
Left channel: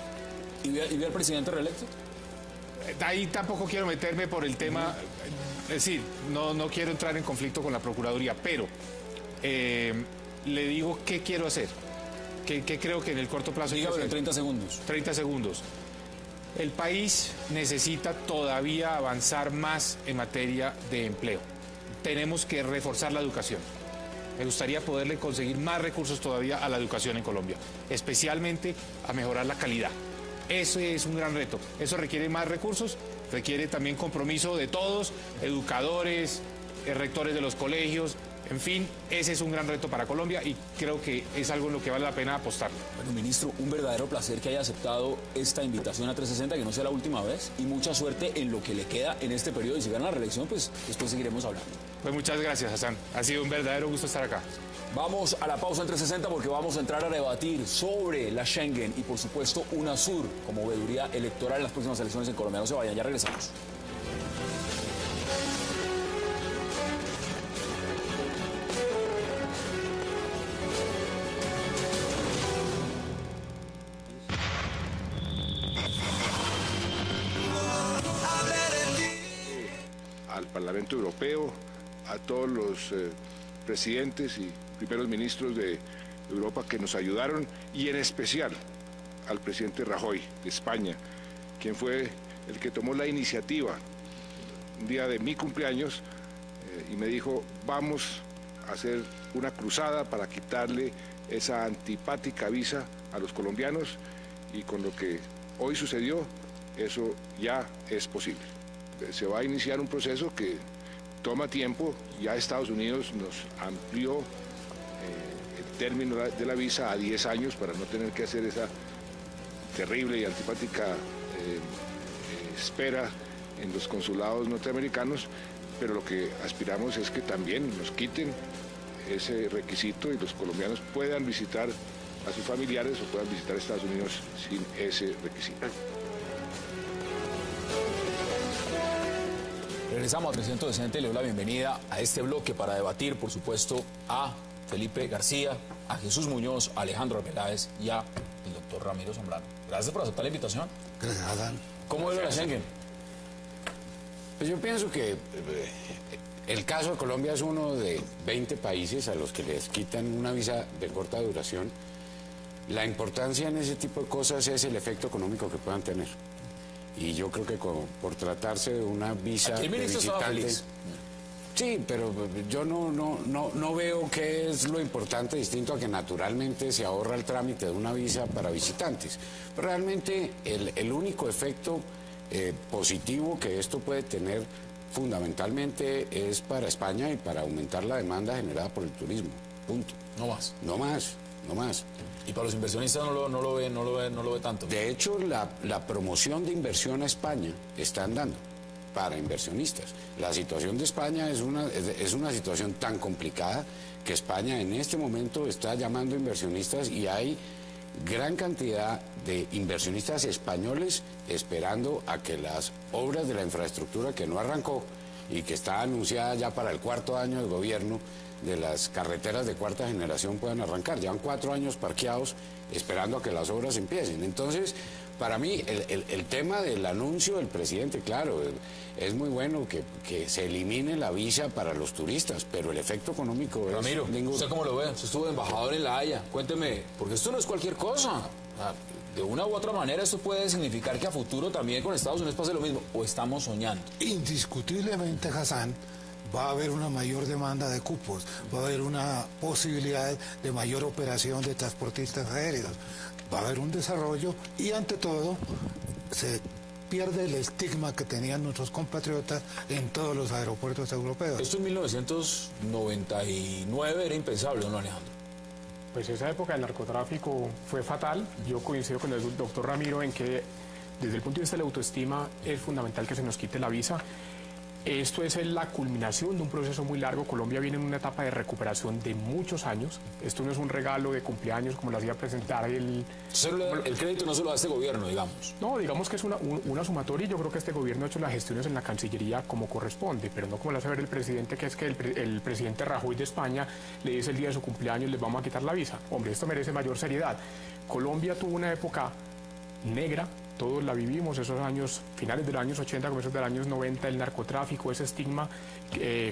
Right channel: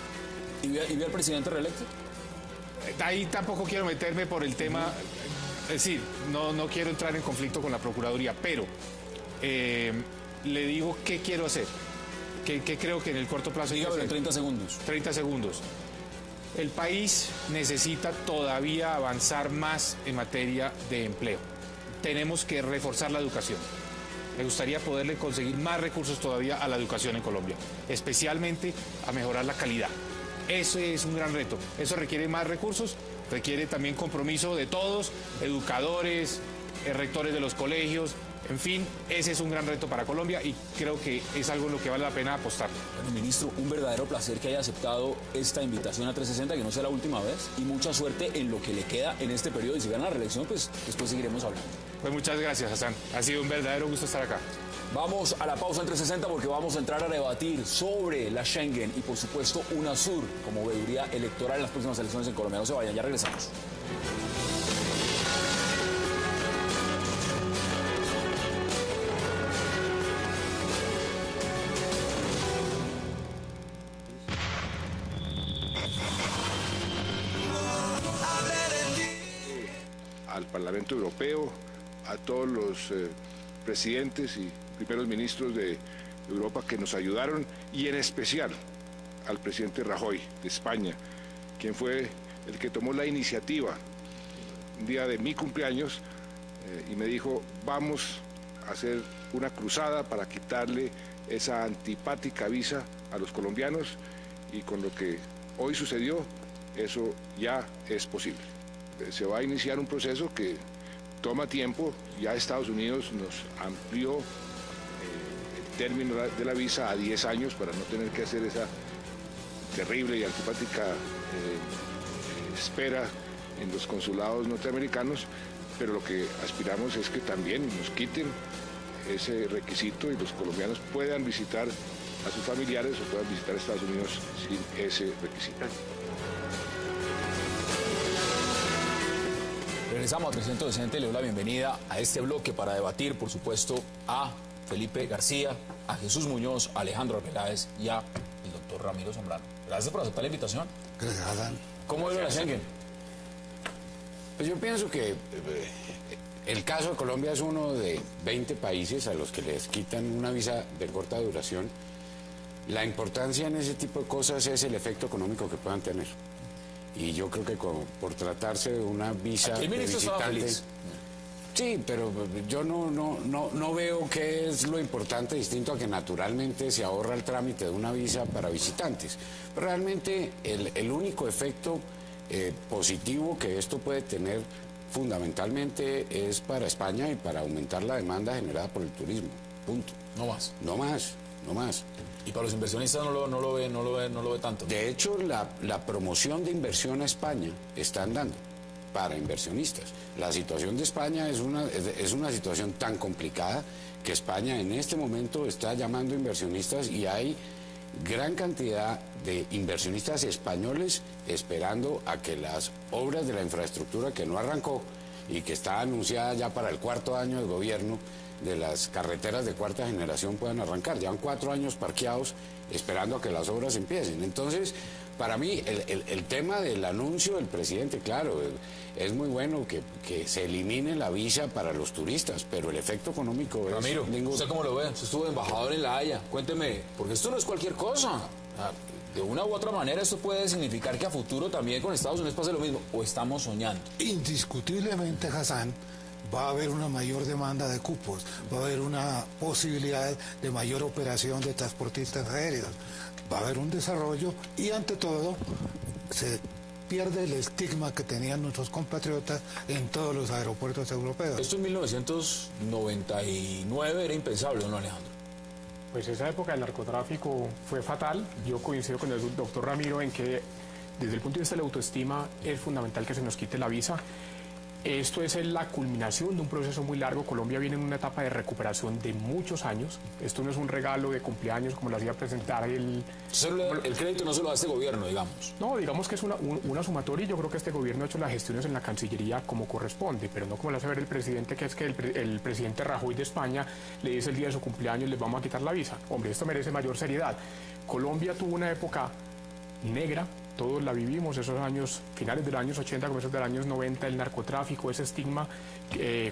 ¿Y ve al presidente reelecto? Ahí tampoco quiero meterme por el tema, es decir, no quiero entrar en conflicto con la Procuraduría, pero le digo qué quiero hacer. que creo que en el corto plazo... Dígame en 30 segundos. 30 segundos. El país necesita todavía avanzar más en materia de empleo. Tenemos que reforzar la educación. Me gustaría poderle conseguir más recursos todavía a la educación en Colombia, especialmente a mejorar la calidad. Ese es un gran reto. Eso requiere más recursos, requiere también compromiso de todos, educadores, rectores de los colegios, en fin, ese es un gran reto para Colombia y creo que es algo en lo que vale la pena apostar. Bueno, ministro, un verdadero placer que haya aceptado esta invitación a 360, que no sea la última vez, y mucha suerte en lo que le queda en este periodo. Y si gana la reelección, pues después seguiremos hablando. Pues muchas gracias, Hassan. Ha sido un verdadero gusto estar acá. Vamos a la pausa en 360 porque vamos a entrar a debatir sobre la Schengen y, por supuesto, UNASUR como veeduría electoral en las próximas elecciones en Colombia. No se vayan, ya regresamos. Al Parlamento Europeo, a todos los presidentes y primeros ministros de Europa que nos ayudaron, y en especial al presidente Rajoy de España, quien fue el que tomó la iniciativa un día de mi cumpleaños y me dijo: vamos a hacer una cruzada para quitarle esa antipática visa a los colombianos, y con lo que hoy sucedió, eso ya es posible. Se va a iniciar un proceso que toma tiempo. Ya Estados Unidos nos amplió el término de la visa a 10 años para no tener que hacer esa terrible y antipática espera en los consulados norteamericanos, pero lo que aspiramos es que también nos quiten ese requisito y los colombianos puedan visitar a sus familiares o puedan visitar Estados Unidos sin ese requisito. Regresamos a 360 y le doy la bienvenida a este bloque para debatir, por supuesto, a Felipe García, a Jesús Muñoz, a Alejandro Peláez y a el doctor Ramiro Zambrano. Gracias por aceptar la invitación. Gracias. ¿Cómo ve la Schengen? Pues yo pienso que el caso de Colombia es uno de 20 países a los que les quitan una visa de corta duración. La importancia en ese tipo de cosas es el efecto económico que puedan tener. Y yo creo que por tratarse de una visa Aquí el de ministro estaba visitante... feliz. Sí, pero yo no veo qué es lo importante, distinto a que naturalmente se ahorra el trámite de una visa para visitantes. Realmente el único efecto positivo que esto puede tener fundamentalmente es para España y para aumentar la demanda generada por el turismo. Punto. No más. No más, no más. Y para los inversionistas no lo ve tanto. De hecho, la promoción de inversión a España está andando para inversionistas. La situación de España es una situación tan complicada que España en este momento está llamando inversionistas y hay gran cantidad de inversionistas españoles esperando a que las obras de la infraestructura que no arrancó y que está anunciada ya para el 4º año del gobierno de las carreteras de cuarta generación puedan arrancar. Llevan 4 años parqueados esperando a que las obras empiecen. Entonces, para mí, el tema del anuncio del presidente, claro, es muy bueno que se elimine la visa para los turistas, pero el efecto económico es... Ramiro, ¿usted cómo lo ve? Usted estuvo de embajador en La Haya. Cuénteme, porque esto no es cualquier cosa. De una u otra manera esto puede significar que a futuro también con Estados Unidos pase lo mismo, o estamos soñando. Indiscutiblemente, Hassan, va a haber una mayor demanda de cupos, va a haber una posibilidad de mayor operación de transportistas aéreos, va a haber un desarrollo y ante todo se pierde el estigma que tenían nuestros compatriotas en todos los aeropuertos europeos. Esto en 1999 era impensable, ¿no, Alejandro? Pues esa época del narcotráfico fue fatal. Yo coincido con el doctor Ramiro en que desde el punto de vista de la autoestima es fundamental que se nos quite la visa. Esto es la culminación de un proceso muy largo. Colombia viene en una etapa de recuperación de muchos años. Esto no es un regalo de cumpleaños como las iba a presentar el crédito no se lo da este gobierno, digamos. No, digamos que es una sumatoria y yo creo que este gobierno ha hecho las gestiones en la Cancillería como corresponde, pero no como lo hace ver el presidente, que es que el presidente Rajoy de España le dice el día de su cumpleaños les vamos a quitar la visa. Hombre, esto merece mayor seriedad. Colombia tuvo una época negra, todos la vivimos, esos años, finales de los años 80, comienzos de los años 90, el narcotráfico, ese estigma,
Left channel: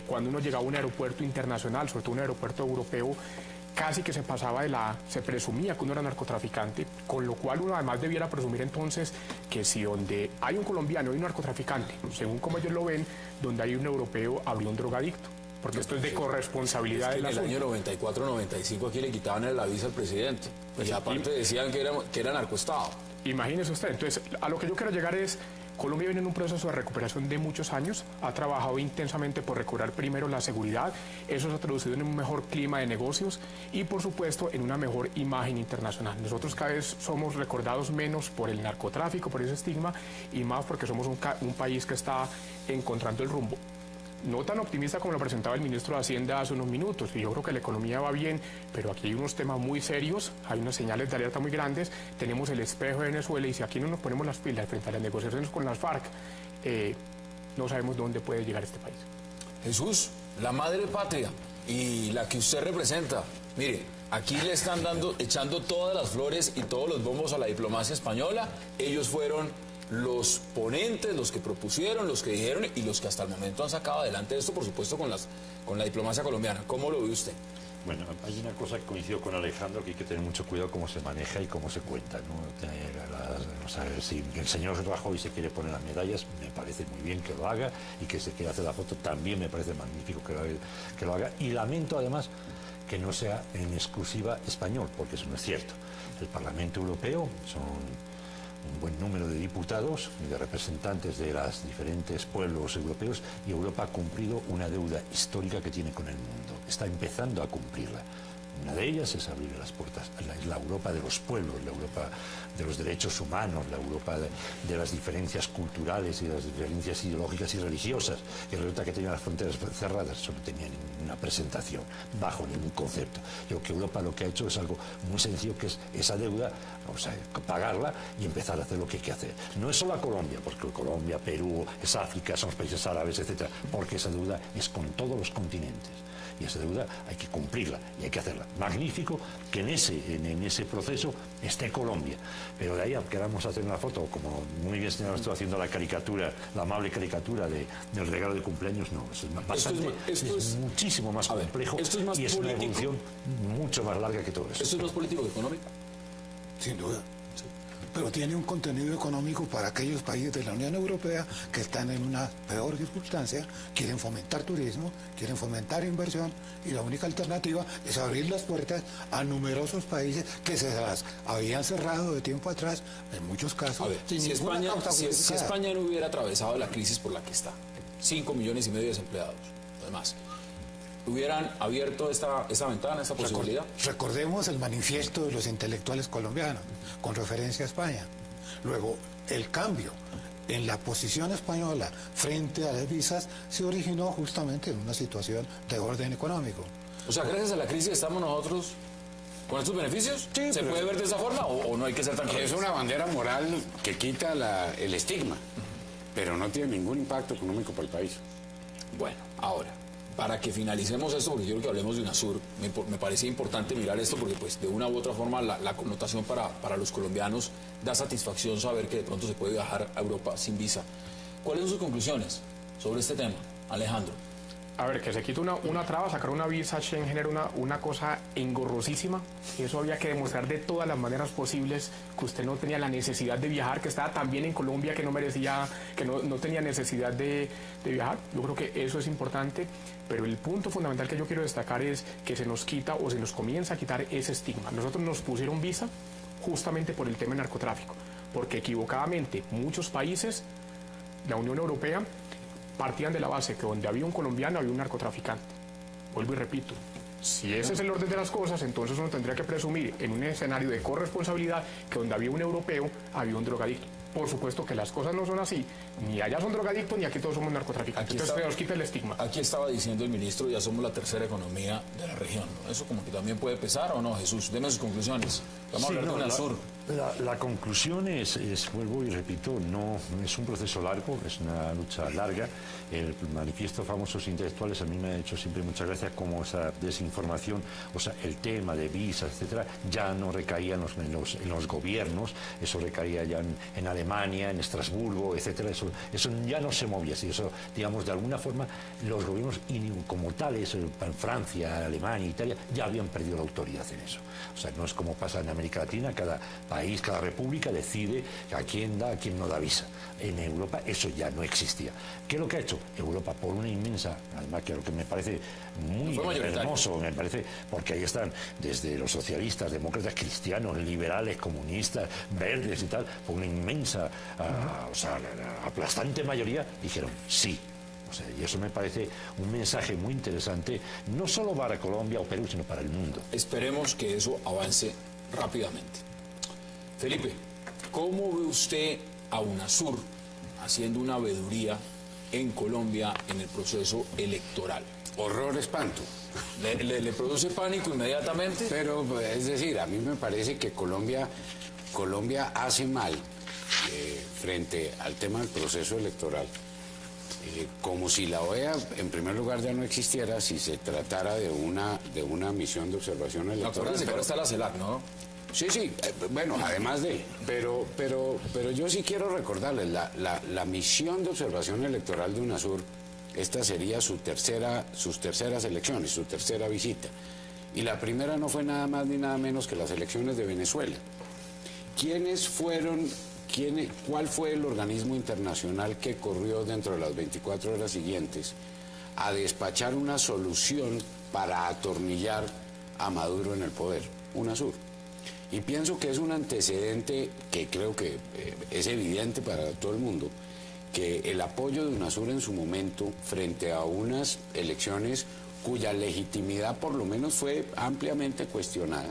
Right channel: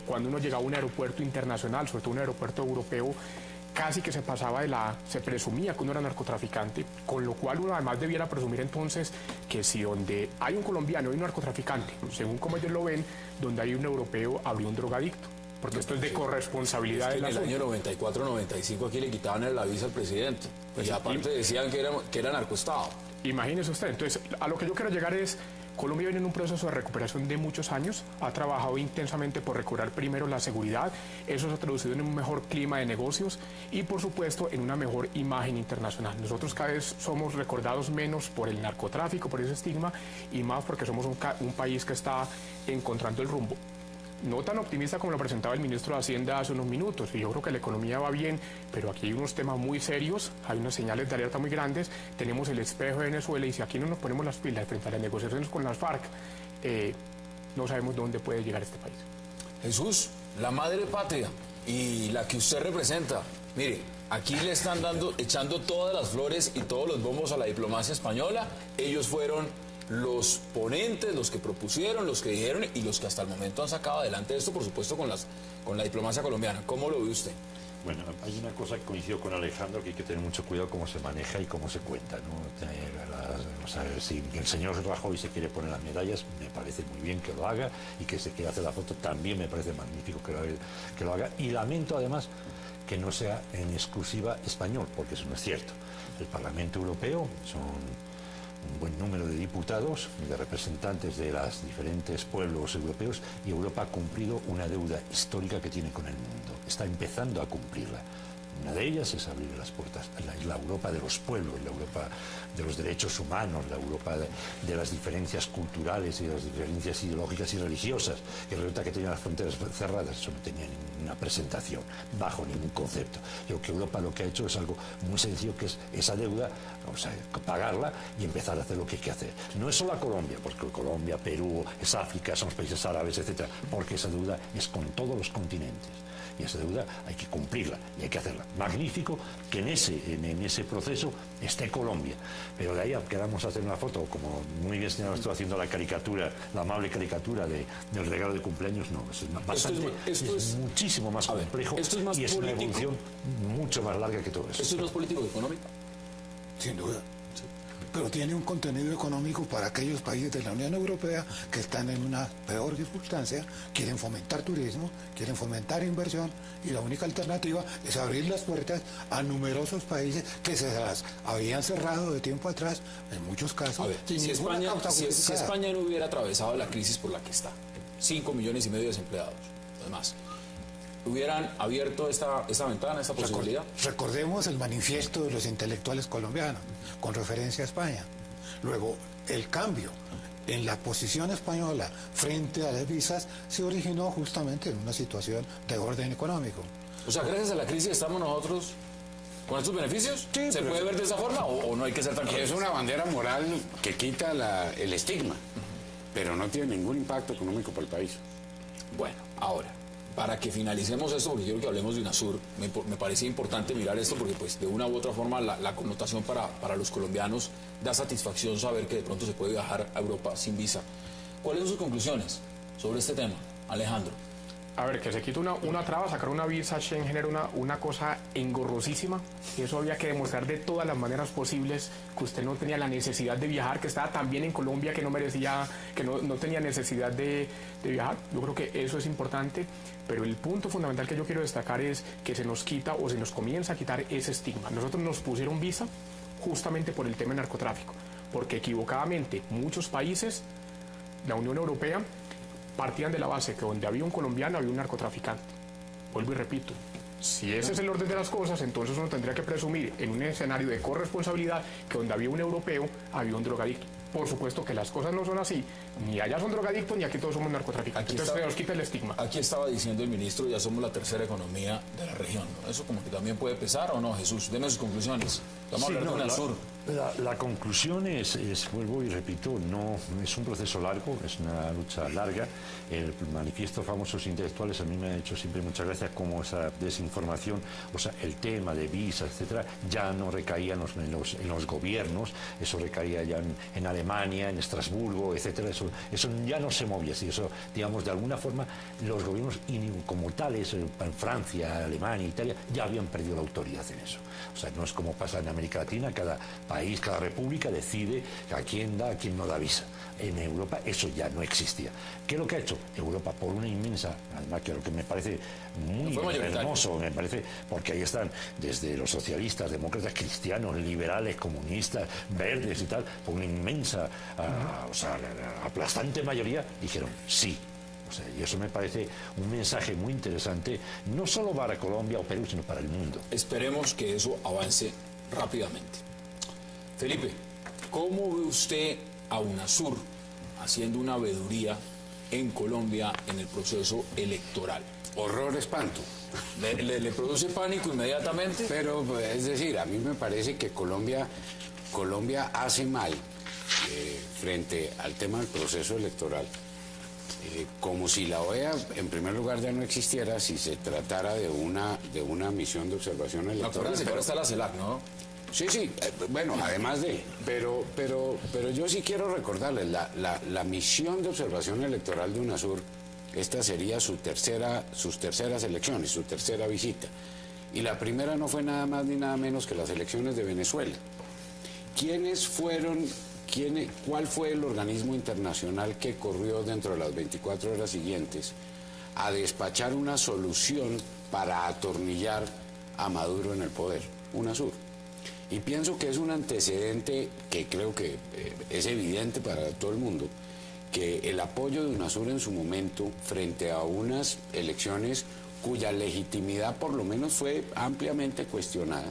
cuando uno llegaba a un aeropuerto internacional, sobre todo un aeropuerto europeo, casi que se pasaba se presumía que uno era narcotraficante, con lo cual uno además debiera presumir entonces que si donde hay un colombiano hay un narcotraficante, según como ellos lo ven, donde hay un europeo habría un drogadicto, porque esto es de corresponsabilidad Es que de en la el año 94-95 aquí le quitaban la visa al presidente. Y aparte decían que era narcoestado. Imagínese usted, entonces a lo que yo quiero llegar es, Colombia viene en un proceso de recuperación de muchos años, ha trabajado intensamente por recuperar primero la seguridad, eso se ha traducido en un mejor clima de negocios y por supuesto en una mejor imagen internacional. Nosotros cada vez somos recordados menos por el narcotráfico, por ese estigma, y más porque somos un país que está encontrando el rumbo. No tan optimista como lo presentaba el ministro de Hacienda hace unos minutos, y yo creo que la economía va bien, pero aquí hay unos temas muy serios, hay unas señales de alerta muy grandes, tenemos el espejo de Venezuela, y si aquí no nos ponemos las pilas frente a las negociaciones con las FARC, no sabemos dónde puede llegar este país. Jesús, la madre patria y la que usted representa, mire, aquí le están echando todas las flores y todos los bombos a la diplomacia española. Ellos fueron los ponentes, los que propusieron, los que dijeron y los que hasta el momento han sacado adelante esto, por supuesto, con la diplomacia colombiana. ¿Cómo lo ve usted? Bueno, hay una cosa que coincido con Alejandro, que hay que tener mucho cuidado cómo se maneja y cómo se cuenta, ¿no? O sea, si el señor Rajoy se quiere poner las medallas, me parece muy bien que lo haga, y que se quiera hacer la foto también me parece magnífico que lo haga, y lamento además que no sea en exclusiva español, porque eso no es cierto. El Parlamento Europeo son un buen número de diputados, de representantes de los diferentes pueblos europeos, y Europa ha cumplido una deuda histórica que tiene con el mundo. Está empezando a cumplirla. Una de ellas es abrir las puertas a la Europa de los pueblos, la Europa de los derechos humanos, la Europa de las diferencias culturales y de las diferencias ideológicas y religiosas. Y resulta que tenía las fronteras cerradas, eso no tenía ninguna presentación, bajo ningún concepto. Yo creo que Europa lo que ha hecho es algo muy sencillo, que es esa deuda, o sea, pagarla y empezar a hacer lo que hay que hacer. No es solo a Colombia, porque Colombia, Perú, es África, son los países árabes, etcétera, porque esa deuda es con todos los continentes. Y esa deuda hay que cumplirla y hay que hacerla. Magnífico que en ese proceso esté Colombia. Pero de ahí queramos hacer una foto, como muy bien señalado, estoy haciendo la caricatura, la amable caricatura del regalo de cumpleaños, no, es muchísimo más complejo, esto es más y es una evolución mucho más larga que todo eso. ¿Esto es más político que económico? Sin duda. Pero tiene un contenido económico para aquellos países de la Unión Europea que están en una peor circunstancia, quieren fomentar turismo, quieren fomentar inversión, y la única alternativa es abrir las puertas a numerosos países que se las habían cerrado de tiempo atrás, en muchos casos. Ver, si España no hubiera atravesado la crisis por la que está, 5,5 millones de desempleados, además, ¿hubieran abierto esta ventana, esta posibilidad? Recordemos el manifiesto de los intelectuales colombianos con referencia a España. Luego, el cambio en la posición española frente a las visas se originó justamente en una situación de orden económico. O sea, gracias a la crisis estamos nosotros con estos beneficios. Sí, ¿Se puede ver de esa forma o no hay que ser tan Es una bandera moral que quita el estigma, pero no tiene ningún impacto económico para el país. Bueno, ahora, para que finalicemos esto, porque quiero que hablemos de UNASUR, me parece importante mirar esto porque pues de una u otra forma la connotación para los colombianos da satisfacción saber que de pronto se puede viajar a Europa sin visa. ¿Cuáles son sus conclusiones sobre este tema, Alejandro? A ver, que se quite una traba, sacar una visa Schengen genera una cosa engorrosísima, y eso había que demostrar de todas las maneras posibles que usted no tenía la necesidad de viajar, que estaba tan bien en Colombia que no merecía, que no tenía necesidad de viajar. Yo creo que eso es importante, pero el punto fundamental que yo quiero destacar es que se nos quita o se nos comienza a quitar ese estigma. Nosotros nos pusieron visa justamente por el tema del narcotráfico, porque equivocadamente muchos países, la Unión Europea, partían de la base que donde había un colombiano había un narcotraficante. Vuelvo y repito, si ese es el orden de las cosas, entonces uno tendría que presumir en un escenario de corresponsabilidad que donde había un europeo había un drogadicto. Por supuesto que las cosas no son así, ni allá son drogadictos ni aquí todos somos narcotraficantes. Entonces se nos quita el estigma. Aquí estaba diciendo el ministro, ya somos la tercera economía de la región, ¿no? Eso como que también puede pesar, ¿o no, Jesús? Deme sus conclusiones. Vamos a hablar de UNASUR. La conclusión es, vuelvo y repito, no es un proceso largo, es una lucha larga. El manifiesto de famosos intelectuales a mí me ha hecho siempre mucha gracia como esa desinformación, o sea, el tema de visas, etcétera, ya no recaía en los gobiernos, eso recaía ya en Alemania, en Estrasburgo, etcétera, eso eso ya no se movía así. Eso, digamos, de alguna forma, los gobiernos como tales, en Francia, Alemania, Italia, ya habían perdido la autoridad en eso. O sea, no es como pasa en América Latina, cada país, cada república decide a quién da, a quién no da visa. En Europa eso ya no existía. ¿Qué es lo que ha hecho Europa? Por una inmensa, además que lo que me parece muy hermoso, me parece, porque ahí están desde los socialistas, demócratas, cristianos, liberales, comunistas, verdes y tal, por una inmensa, aplastante mayoría, dijeron sí. O sea, y eso me parece un mensaje muy interesante, no solo para Colombia o Perú, sino para el mundo. Esperemos que eso avance rápidamente. Felipe, ¿cómo ve usted a UNASUR haciendo una veeduría en Colombia en el proceso electoral? Horror, espanto. ¿Le produce pánico inmediatamente? Pero, es decir, a mí me parece que Colombia hace mal frente al tema del proceso electoral. Como si la OEA, en primer lugar, ya no existiera si se tratara de una misión de observación electoral. Pero está la CELAC, ¿no? Sí, bueno, además de... Pero yo sí quiero recordarles, la misión de observación electoral de UNASUR, esta sería sus terceras elecciones, su tercera visita. Y la primera no fue nada más ni nada menos que las elecciones de Venezuela. ¿Cuál fue el organismo internacional que corrió dentro de las 24 horas siguientes a despachar una solución para atornillar a Maduro en el poder? UNASUR. Y pienso que es un antecedente que creo que es evidente para todo el mundo, que el apoyo de UNASUR en su momento frente a unas elecciones cuya legitimidad por lo menos fue ampliamente cuestionada,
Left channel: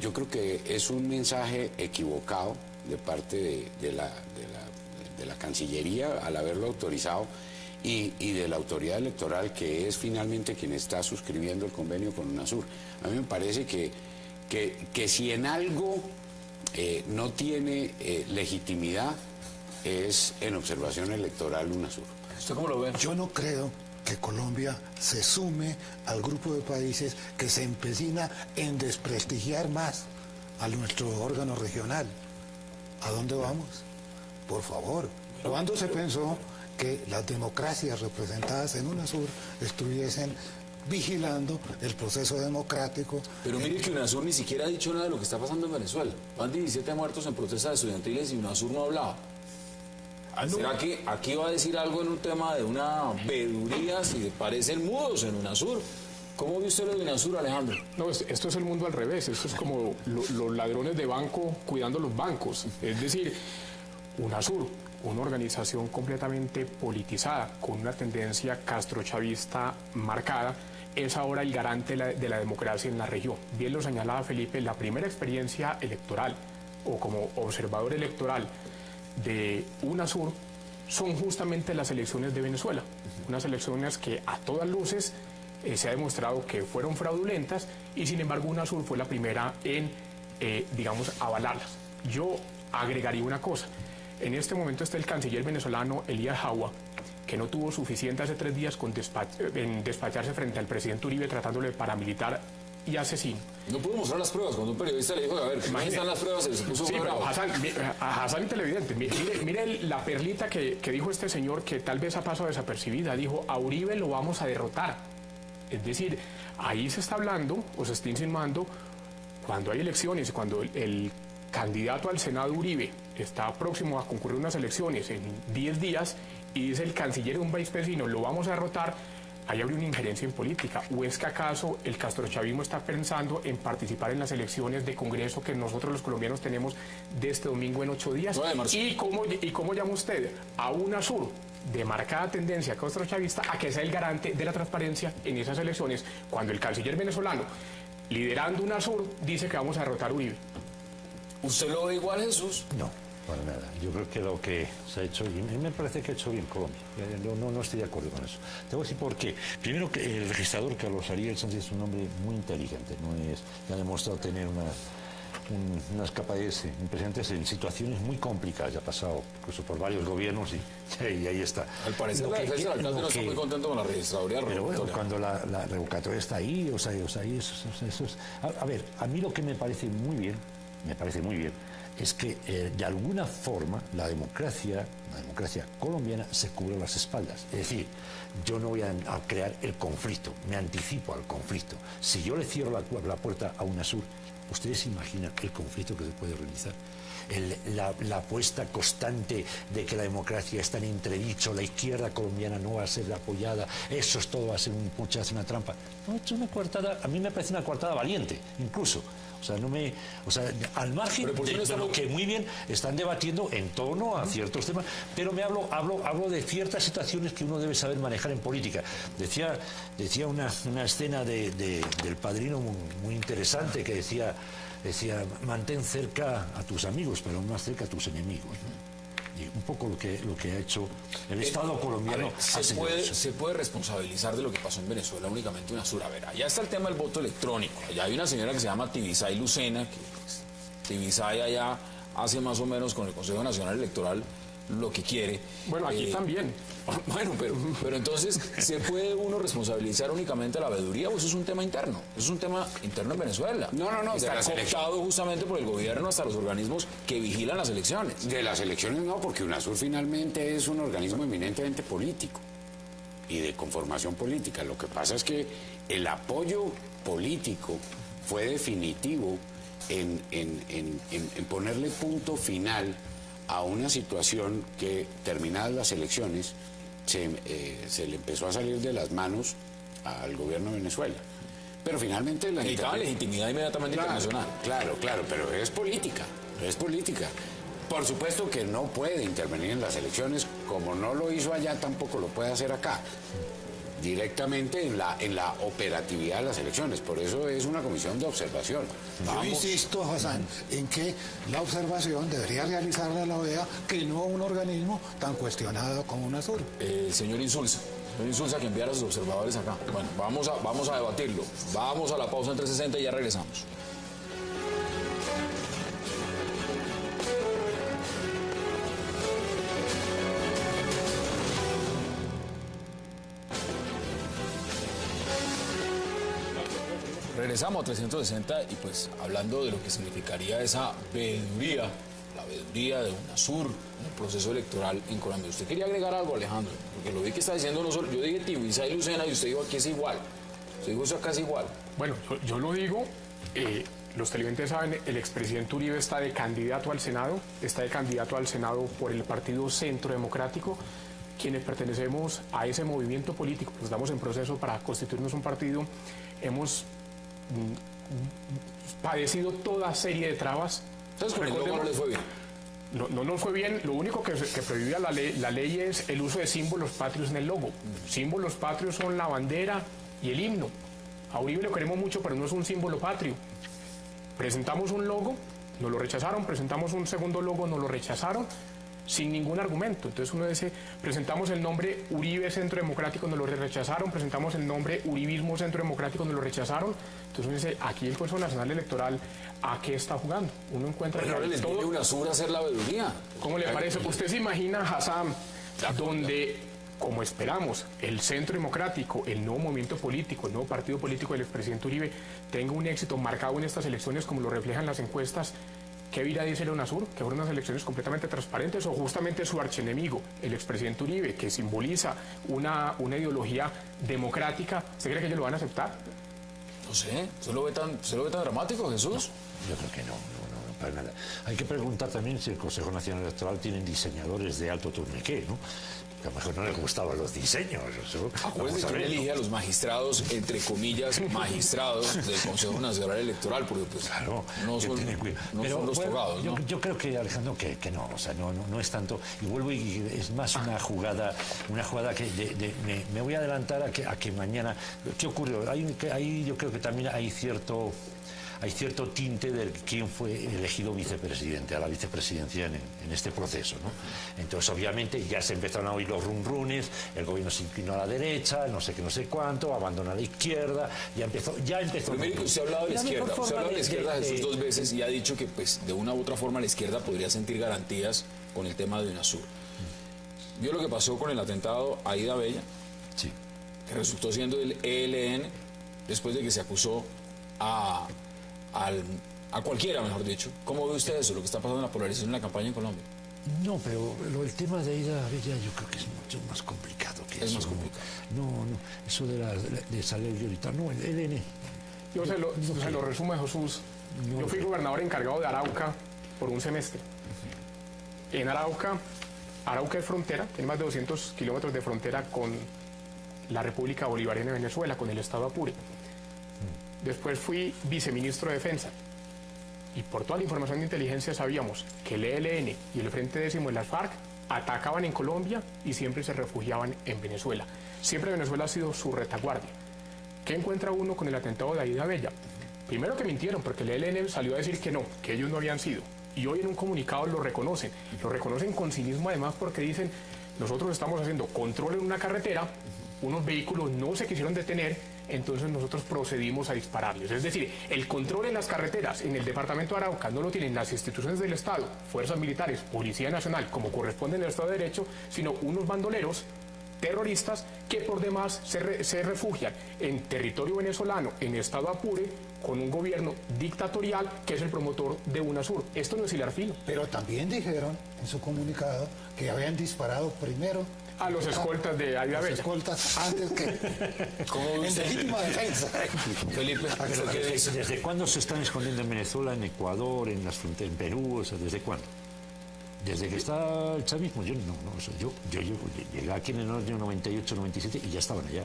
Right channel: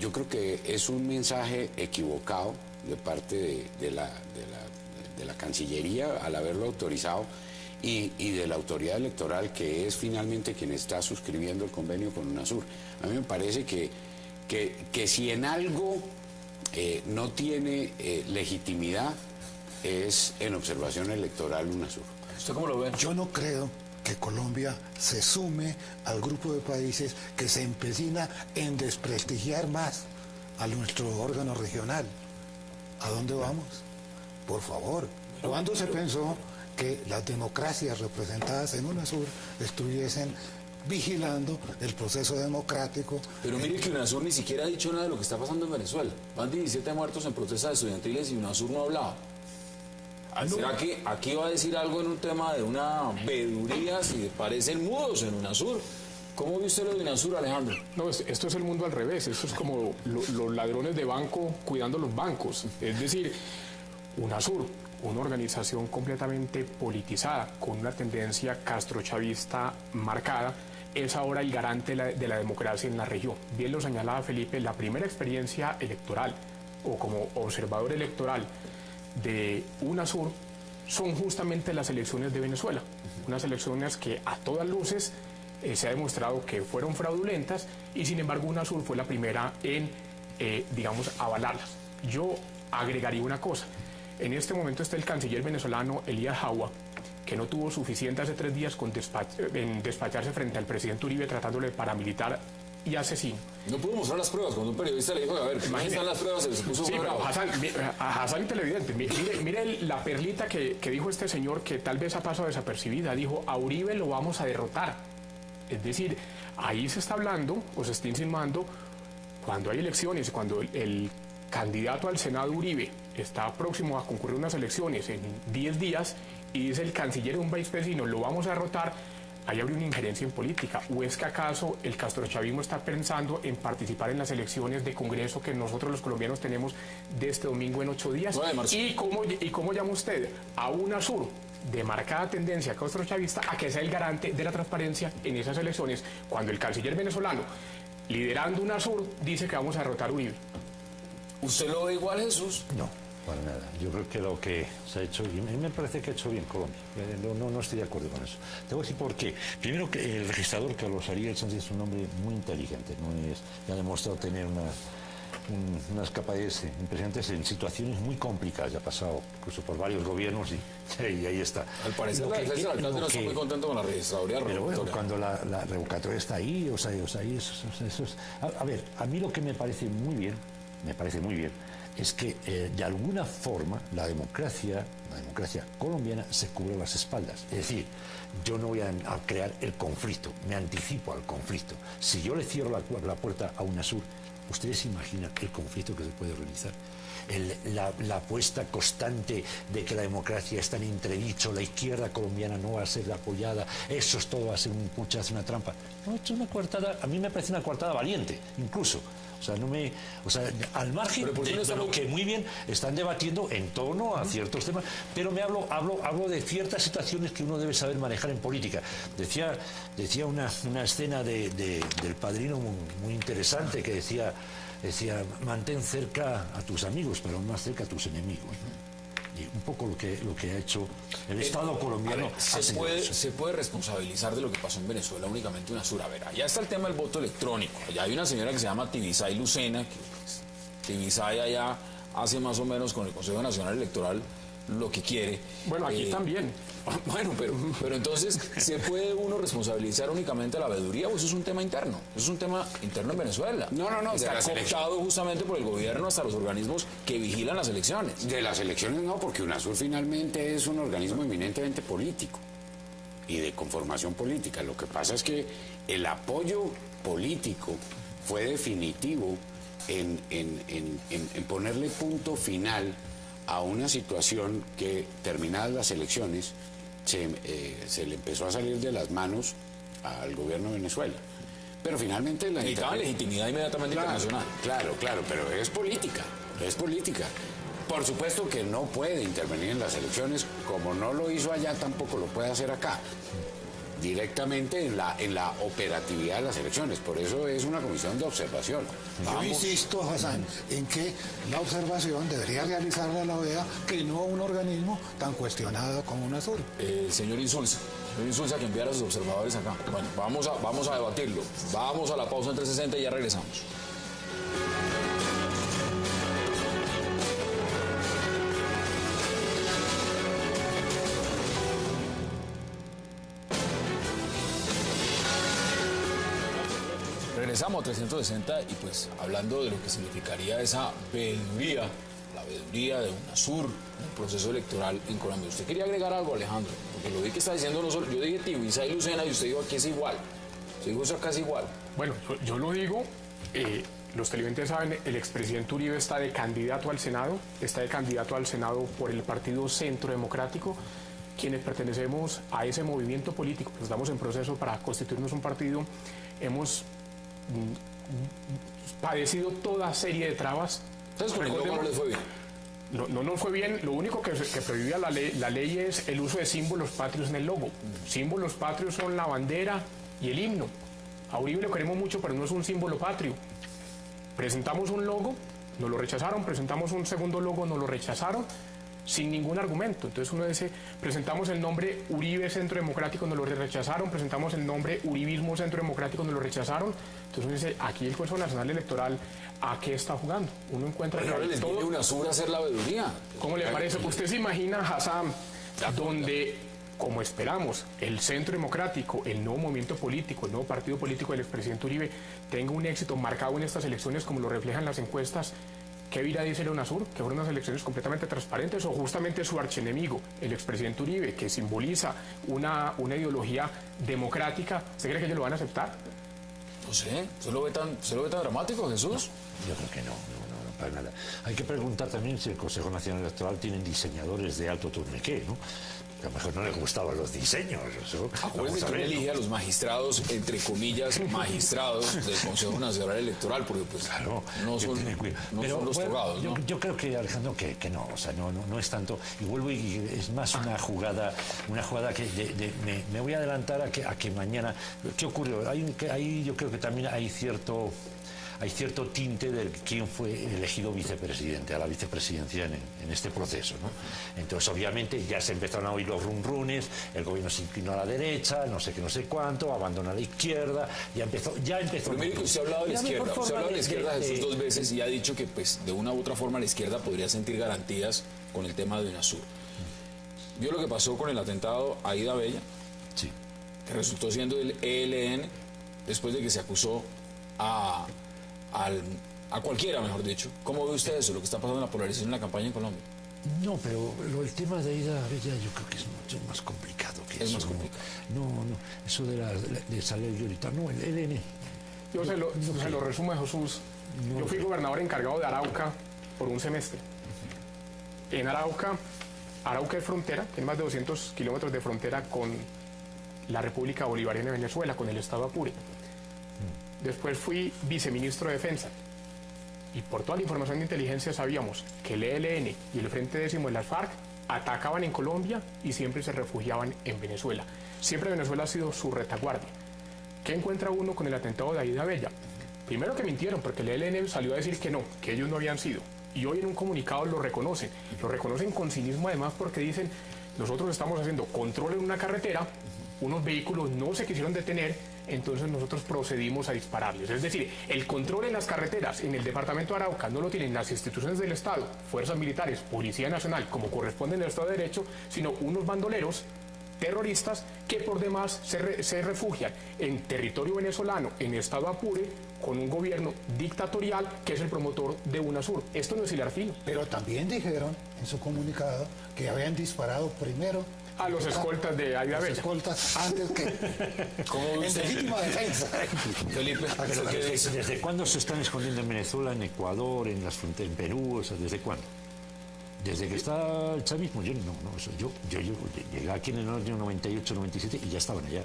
yo creo que es un mensaje equivocado de parte de la Cancillería al haberlo autorizado y de la autoridad electoral, que es finalmente quien está suscribiendo el convenio con UNASUR. A mí me parece que si en algo no tiene legitimidad es en observación electoral UNASUR. ¿Usted cómo lo ve? Yo no creo que Colombia se sume al grupo de países que se empecina en desprestigiar más a nuestro órgano regional. ¿A dónde vamos? Por favor. ¿Cuándo se pensó que las democracias representadas en UNASUR estuviesen vigilando el proceso democrático? Pero mire que UNASUR ni siquiera ha dicho nada de lo que está pasando en Venezuela. Van 17 muertos en protestas estudiantiles y UNASUR no ha hablado. ¿Será que aquí va a decir algo en un tema de una veeduría si le parecen mudos en UNASUR? ¿Cómo ve usted lo de UNASUR, Alejandro? No, esto es el mundo al revés. Esto es como los ladrones de banco cuidando los bancos. Es decir, UNASUR, una organización completamente politizada, con una tendencia castrochavista marcada, es ahora el garante de la democracia en la región. Bien lo señalaba Felipe, la primera experiencia electoral o como observador electoral de UNASUR son justamente las elecciones de Venezuela. Unas elecciones que a todas luces se ha demostrado que fueron fraudulentas y sin embargo UNASUR fue la primera en, avalarlas. Yo agregaría una cosa. En este momento está el canciller venezolano Elías Jawa, que no tuvo suficiente hace 3 días en despacharse frente al presidente Uribe tratándole de paramilitar y asesino. No pudo mostrar las pruebas. Cuando un periodista le dijo, a ver, ¿cómo están las pruebas? Se puso a Hassan televidente. Mire la perlita que dijo este señor, que tal vez ha pasado desapercibida. Dijo, a Uribe lo vamos a derrotar. Es decir, ahí se está hablando o se está insinuando, cuando hay elecciones, cuando el candidato al Senado Uribe está próximo a concurrir unas elecciones en 10 días y dice el canciller de un país vecino, lo vamos a derrotar, ahí habría una injerencia en política. ¿O es que acaso el castrochavismo está pensando en participar en las elecciones de Congreso que nosotros los colombianos tenemos de este domingo en 8 días? ¿Y cómo llama usted a UNASUR, de marcada tendencia castrochavista, a que sea el garante de la transparencia en esas elecciones, cuando el canciller venezolano, liderando UNASUR, dice que vamos a derrotar a Uribe? ¿Usted lo ve igual, Jesús? No, para nada. Yo creo que lo que se ha hecho, me parece que ha hecho bien Colombia. No estoy de acuerdo con eso. Te voy a decir por qué. Primero, que el legislador Carlos Ariel Sánchez es un hombre muy inteligente. Ha demostrado tener unas capacidades impresionantes en situaciones muy complicadas. Ya ha pasado incluso por varios gobiernos y ahí está. Al parecer el alcalde no está muy contento con la registraduría. Pero bueno, cuando la revocatoria está ahí, eso es... A ver, a mí lo que me parece muy bien, es que de alguna forma la democracia democracia colombiana se cubre las espaldas. Es decir, yo no voy a crear el conflicto, me anticipo al conflicto. Si yo le cierro la puerta a UNASUR, ¿ustedes se imaginan el conflicto que se puede realizar? La apuesta constante de que la democracia está en entredicho, la izquierda colombiana no va a ser apoyada, eso es todo, va a ser un puchazo, una trampa. No, es una coartada, a mí me parece una coartada valiente, incluso. Al margen de lo que muy bien están debatiendo en torno a ciertos temas, pero hablo de ciertas situaciones que uno debe saber manejar en política. Decía una escena del Padrino muy interesante que decía, mantén cerca a tus amigos, pero más cerca a tus enemigos, ¿no? Y un poco lo que ha hecho el Estado colombiano. Se puede responsabilizar de lo que pasó en Venezuela únicamente UNASUR. A ver, allá está el tema del voto electrónico. Allá hay una señora que se llama Tibisay Lucena, que Tibisay allá hace más o menos con el Consejo Nacional Electoral lo que quiere. Bueno, aquí también. Bueno, pero entonces, ¿se puede uno responsabilizar únicamente de la veeduría? Pues eso es un tema interno. Eso es un tema interno en Venezuela. No. Está cooptado justamente por el gobierno hasta los organismos que vigilan las elecciones. De las elecciones no, porque UNASUR finalmente es un organismo eminentemente político y de conformación política. Lo que pasa es que el apoyo político fue definitivo en ponerle punto final a una situación que, terminadas las elecciones, se le empezó a salir de las manos al gobierno de Venezuela. Pero finalmente la legitimidad inmediatamente internacional. Claro, pero es política. Por supuesto que no puede intervenir en las elecciones, como no lo hizo allá, tampoco lo puede hacer acá, directamente en la operatividad de las elecciones. Por eso es una comisión de observación. Yo insisto, Hassan, en que la observación debería realizarla la OEA, que no un organismo tan cuestionado como UNASUR. Señor Insulza, que envía a los observadores acá. Bueno, vamos a debatirlo. Vamos a la pausa en 360 y ya regresamos. Regresamos a 360 y pues hablando de lo que significaría esa veeduría, la veeduría de UNASUR, el proceso electoral en Colombia. ¿Usted quería agregar algo, Alejandro? Porque lo vi que está diciendo, no solo, yo dije Tibisay Lucena y usted dijo aquí es igual. Usted dijo acá es igual. Bueno, yo lo digo, los televidentes saben, el expresidente Uribe está de candidato al Senado por el Partido Centro Democrático. Quienes pertenecemos a ese movimiento político, pues estamos en proceso para constituirnos un partido, hemos padecido toda serie de trabas. Entonces, ¿cómo les fue bien? No fue bien. Lo único que prohibía la ley es el uso de símbolos patrios en el logo. Símbolos patrios son la bandera y el himno. A Uribe lo queremos mucho, pero no es un símbolo patrio. Presentamos un logo, nos lo rechazaron. Presentamos un segundo logo, nos lo rechazaron, sin ningún argumento. Entonces uno dice, presentamos el nombre Uribe Centro Democrático, nos lo rechazaron. Presentamos el nombre Uribismo Centro Democrático, nos lo rechazaron. Entonces uno dice, aquí el Consejo Nacional Electoral, ¿a qué está jugando? Uno encuentra todo. UNASUR a hacer la veeduría. ¿Cómo le parece? ¿Usted se imagina, Hassan, donde, como esperamos, el Centro Democrático, el nuevo movimiento político, el nuevo partido político del expresidente Uribe, tenga un éxito marcado en estas elecciones, como lo reflejan las encuestas? ¿Qué irá a decir UNASUR? ¿Que fueron unas elecciones completamente transparentes o justamente su archienemigo, el expresidente Uribe, que simboliza una ideología democrática? ¿Se cree que ellos lo van a aceptar? No sé, ¿se lo ve tan dramático, Jesús? Yo creo que no, para nada. Hay que preguntar también si el Consejo Nacional Electoral tienen diseñadores de alto tourniquet, ¿no? A lo mejor no les gustaban los diseños. Acuérdense que elige a los magistrados, entre comillas, magistrados del Consejo Nacional Electoral, porque pues claro, no son los togados, ¿no? Yo creo que, Alejandro, que no, o sea, no es tanto, y vuelvo y es más una jugada que me voy a adelantar a que mañana. ¿Qué ocurre? Ahí yo creo que también hay cierto tinte de quién fue elegido vicepresidente, a la vicepresidencia en este proceso, ¿no? Entonces, obviamente, ya se empezaron a oír los rumrunes, el gobierno se inclinó a la derecha, no sé qué, no sé cuánto, abandonó a la izquierda, ya empezó. Primero, usted ha hablado de la izquierda, Jesús, 2 veces y ha dicho que, pues, de una u otra forma la izquierda podría sentir garantías con el tema de UNASUR. ¿Vio lo que pasó con el atentado a Aida Bella? Sí. Que resultó siendo el ELN, después de que se acusó a cualquiera, mejor dicho. ¿Cómo ve usted eso, lo que está pasando en la polarización en la campaña en Colombia? No, pero el tema de ir a Abella yo creo que es mucho más complicado que Es eso. más complicado. No, eso de salario y tal, no, el ELN. Yo se lo resumo a Jesús. Yo fui gobernador encargado de Arauca por un semestre. En Arauca es frontera, tiene más de 200 kilómetros de frontera con la República Bolivariana de Venezuela, con el estado Apure. Después fui viceministro de Defensa. Y por toda la información de inteligencia sabíamos que el ELN y el Frente Décimo de las FARC atacaban en Colombia y siempre se refugiaban en Venezuela. Siempre Venezuela ha sido su retaguardia. ¿Qué encuentra uno con el atentado de David Abella? Primero que mintieron, porque el ELN salió a decir que no, que ellos no habían sido. Y hoy en un comunicado lo reconocen. Lo reconocen con cinismo además porque dicen, nosotros estamos haciendo control en una carretera, unos vehículos no se quisieron detener, entonces nosotros procedimos a dispararles. Es decir, el control en las carreteras en el departamento de Arauca no lo tienen las instituciones del Estado, fuerzas militares, Policía Nacional, como corresponde en el Estado de Derecho, sino unos bandoleros terroristas que por demás se refugian en territorio venezolano, en estado Apure, con un gobierno dictatorial que es el promotor de UNASUR. Esto no es hilar fino. Pero también dijeron en su comunicado que habían disparado primero A los escoltas de David los Abella. escoltas antes que ¿Cómo en usted? legítima defensa. Felipe, ¿Desde cuándo se están escondiendo en Venezuela, en Ecuador, en las fronteras, en Perú? O sea, ¿desde cuándo? Desde que está el chavismo, yo llegué aquí en el año 98, 97 y ya estaban allá.